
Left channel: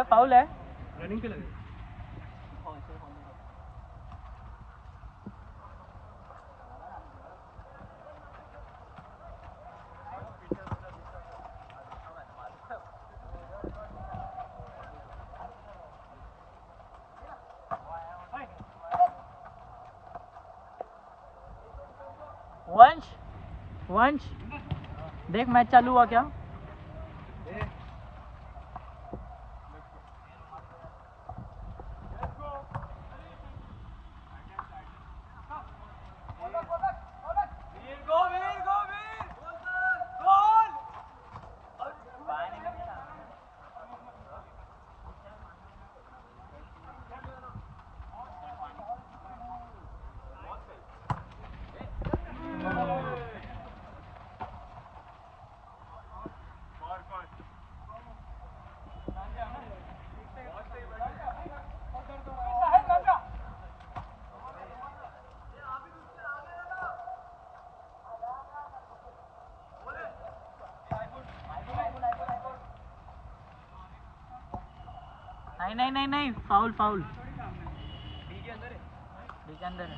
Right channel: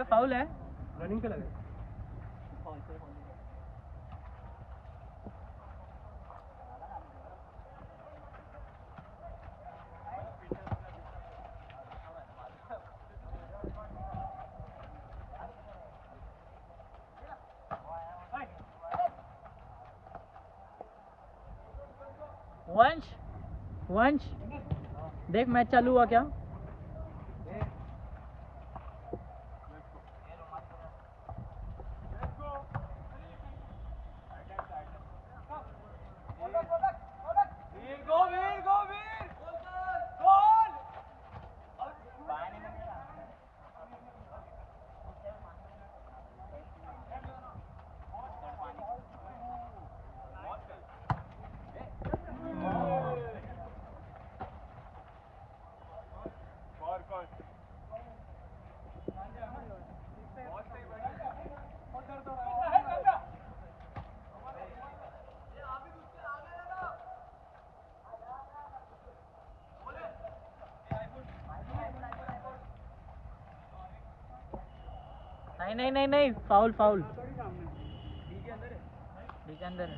फाउल है। रनिंग पे लगे। वंश वंश देख मैच चालू हुआ क्या? नहीं फाउल फाउल बी के अंदर है।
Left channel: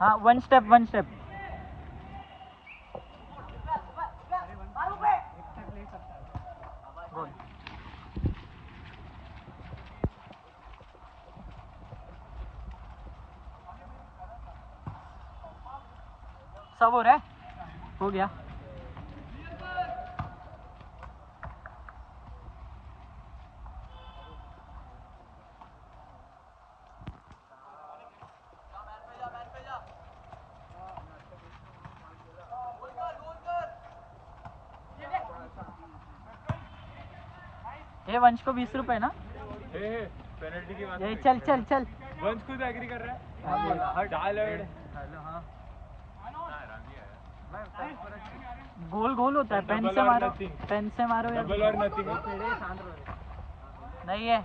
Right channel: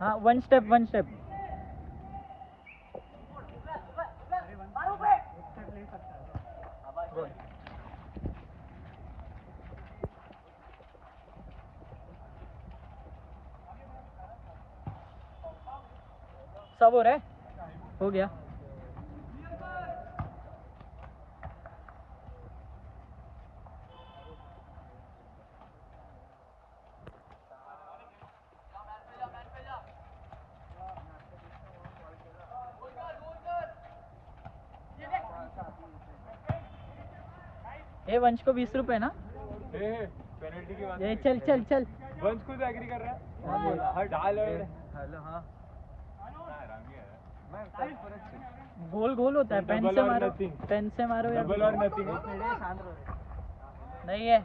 हाँ वन स्टेप गोल। सब हो रहा है, हो गया। ये वंश को 20 रुपए ना? पेनल्टी की बात ये चल चल चल। वंश खुद एग्री कर रहा है। डाल हेलो हाँ गोल गोल होता है, पेन से मारो या डबल और नथिंग नहीं है।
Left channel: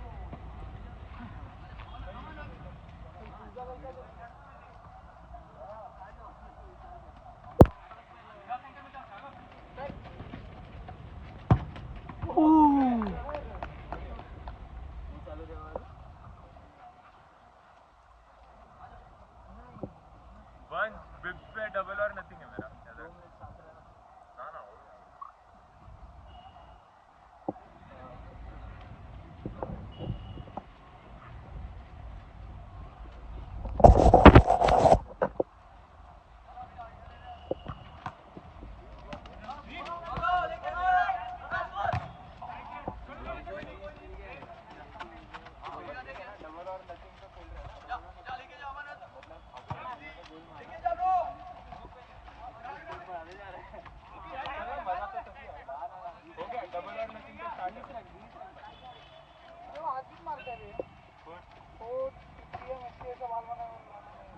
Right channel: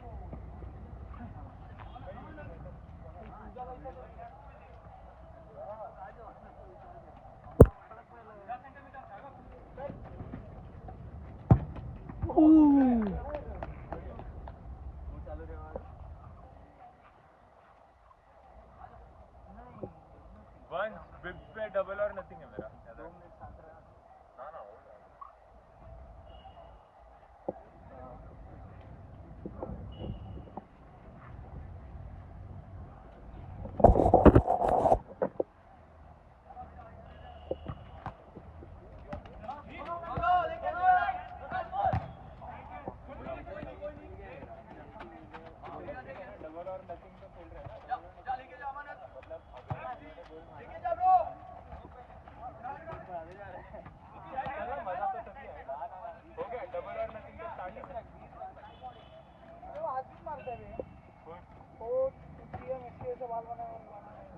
वन बिग पे डबल और नथिंग है मेरा। ना ना हो गया।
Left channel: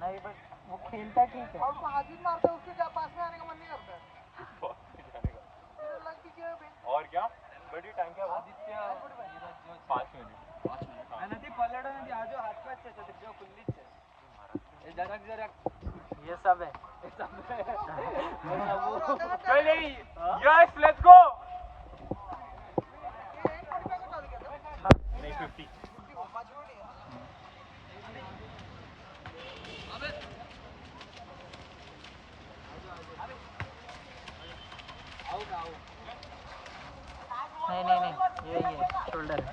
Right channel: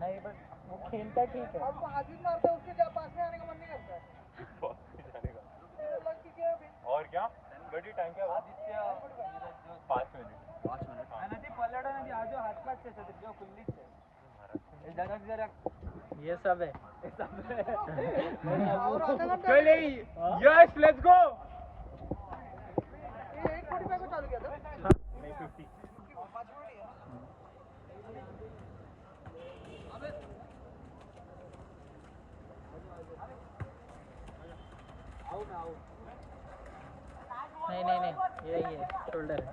नहीं बस वो खेलता ठीक है। अब हाथ मारते हैं उसके पास में आने का मन नहीं करता है। और क्या बड़ी टाइम क्या 5 मिनट अनति पल्लाडो नदी आजो हातपाच छे जो खुल्ली छे ए जरक ये सब है। चल यस लेट्स गो। नहीं 50 नहीं ये शोल्डर है।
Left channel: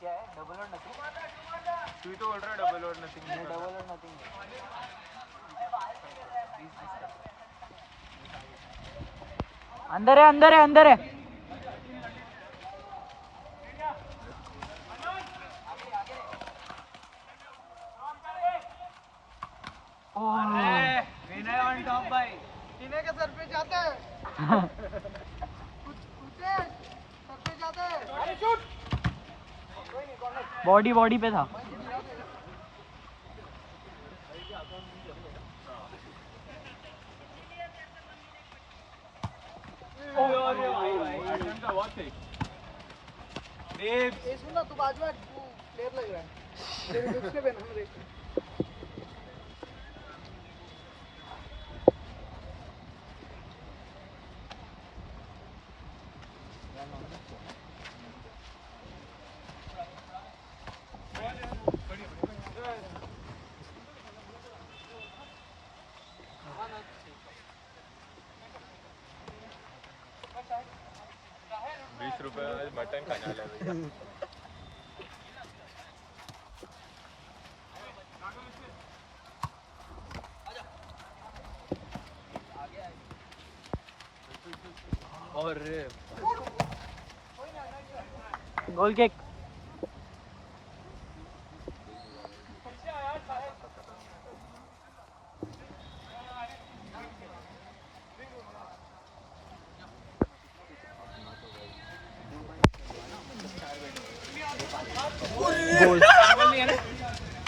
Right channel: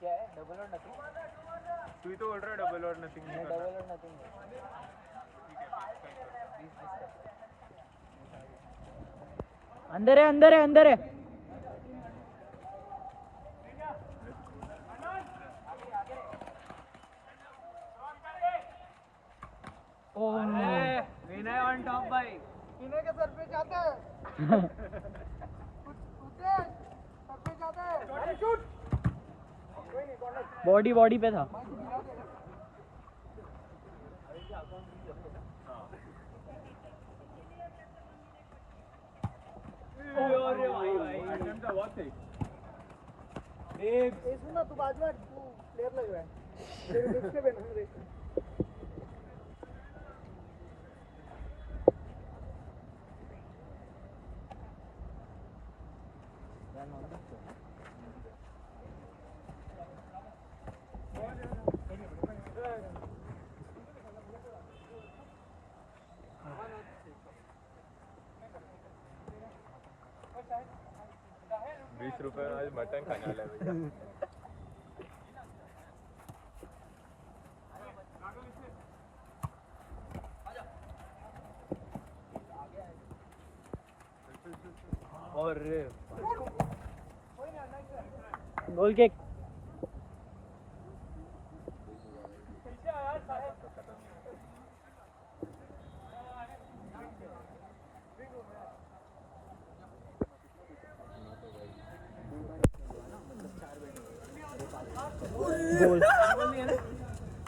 क्या है डबल और नथिंग? तू तो बोल रहा है डबल और नथिंग नहीं डबल और नथिंग अंदर है। विनय ऑन टॉप भाई सीने के सर पे जाता है। सर पे जाता है। शूट बॉडी पे था। सुना तू बाजू में प्लेयर लग रहा है दूसरे पे ना देख। रुपये आज मटन खाने वाला है। और गोल किक। गोल।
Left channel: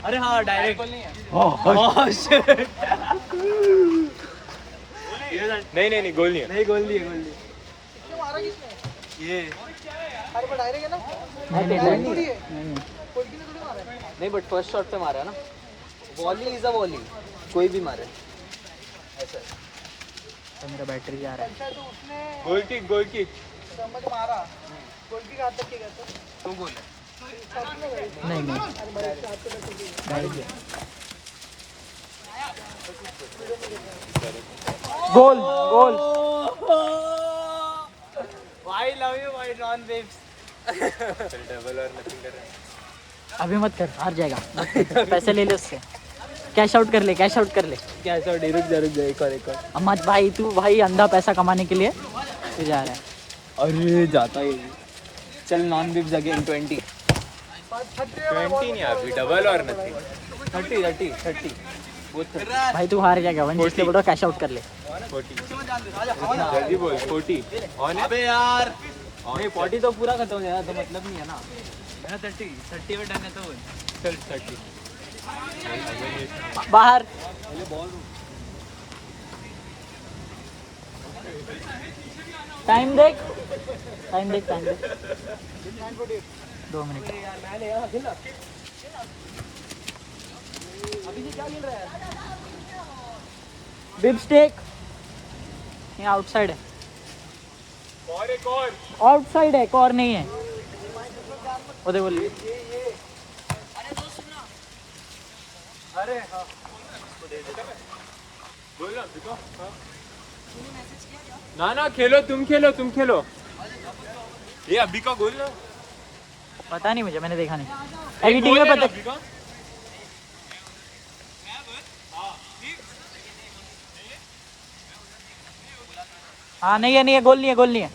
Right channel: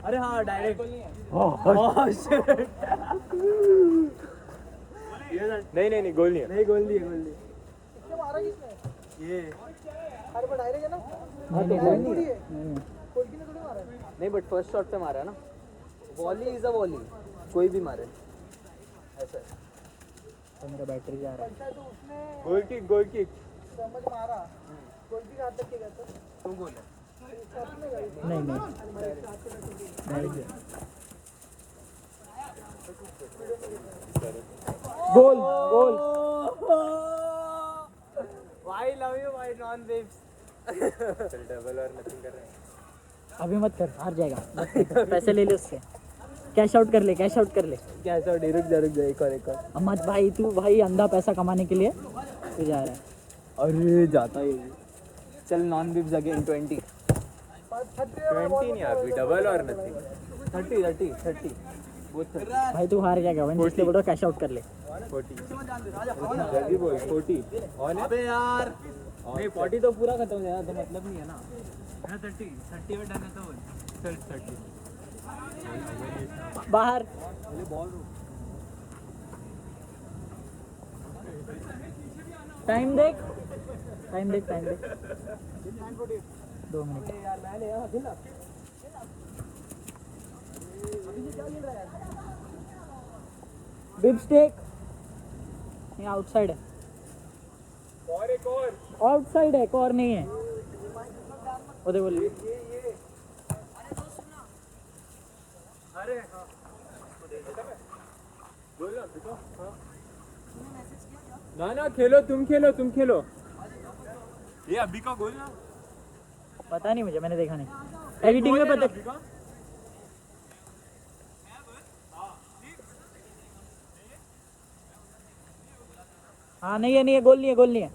अरे हाँ डायरेक्ट नहीं गोल नहीं है। नहीं गोल नहीं है ये अरे पर डायरेक्ट है ना नहीं बट फर्स्ट शॉट पे मारा है ना वॉली इज अ वॉली कोई भी मारे ऐसा तो मेरा बैटरी जा रहा है। गोल किक समझ मारा गोल की हाथ तक क्या करता तू गोल है। नहीं direct goal goal. I love you my non waves double और नथिंग कर रहा है। अभी मत कर, हार जाएगा। मत कर। पैसे ले ले उससे, कैश आउट कर ले, कैश आउट कर ले। क्या ऐसा रुक जा एक और अम्मत भाई, तू भाई अंधा पैसा कमाने के लिए तू जा रहा है। अरे जाता ही चल नॉन वेव्स अगेन 20 20 नहीं अभी डबल और नथिंग 30 भाई तू हार जाएगा, वन जिसके बोलो कैश आउट कर ले। 40 जल्दी बोल 40 ऑन है। अबे यार नहीं 40 तो पूरा खत्म हो जाएगा तो मतलब नहीं है ना 30 में डन है तो चल 30 बाहर। टाइम देख 2 मिनट। अभी ये क्या खेल रहा है बिब स्टेक ये आउटसाइड है, और एक और आउटसाइड है, कॉर नहीं है। उधर बोलिए। अरे हाँ बोल ना देखो। ना खेलो तुम खेलो ये अभी का गोल ना पता नहीं मुझे, मैंने देखा नहीं। एडिटिंग में पता। अभी का हाँ नहीं है, गोल नहीं है।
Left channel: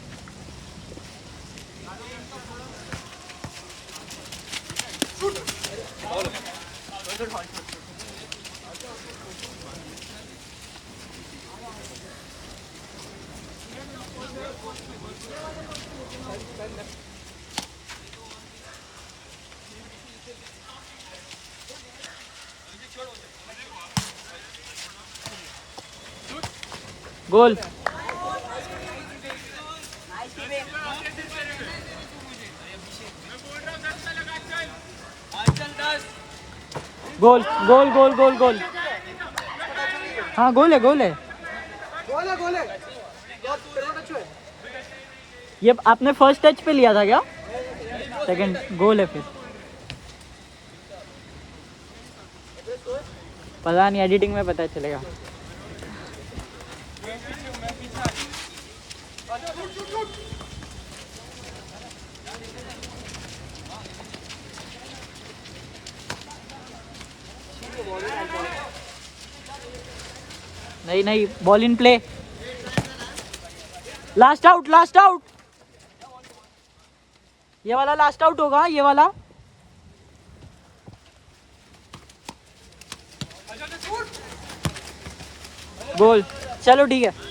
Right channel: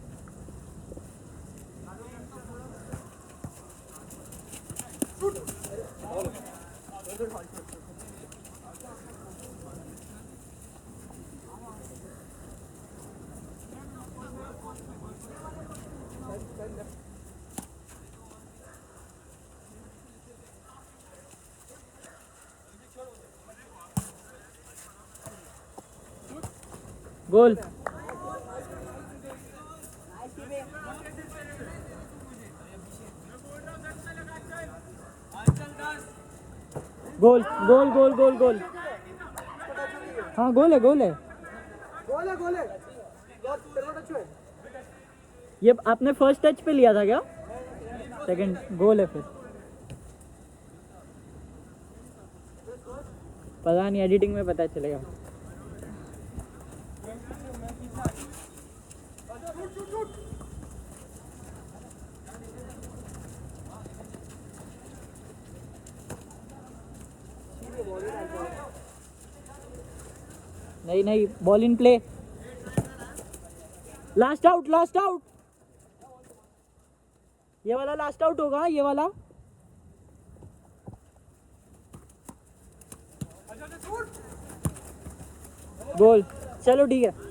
गोल। गोल गोल गोल गोल गोल। हाँ गोल है। ये आपने फर्स्ट टच पे लिया था क्या? सेकंड गोल है फिर। पता नहीं, एडिटिंग में पता चलेगा। नहीं ball in play. Last out ये वाला लास्ट आउट होगा, ये वाला। गोल। चलो ठीक है।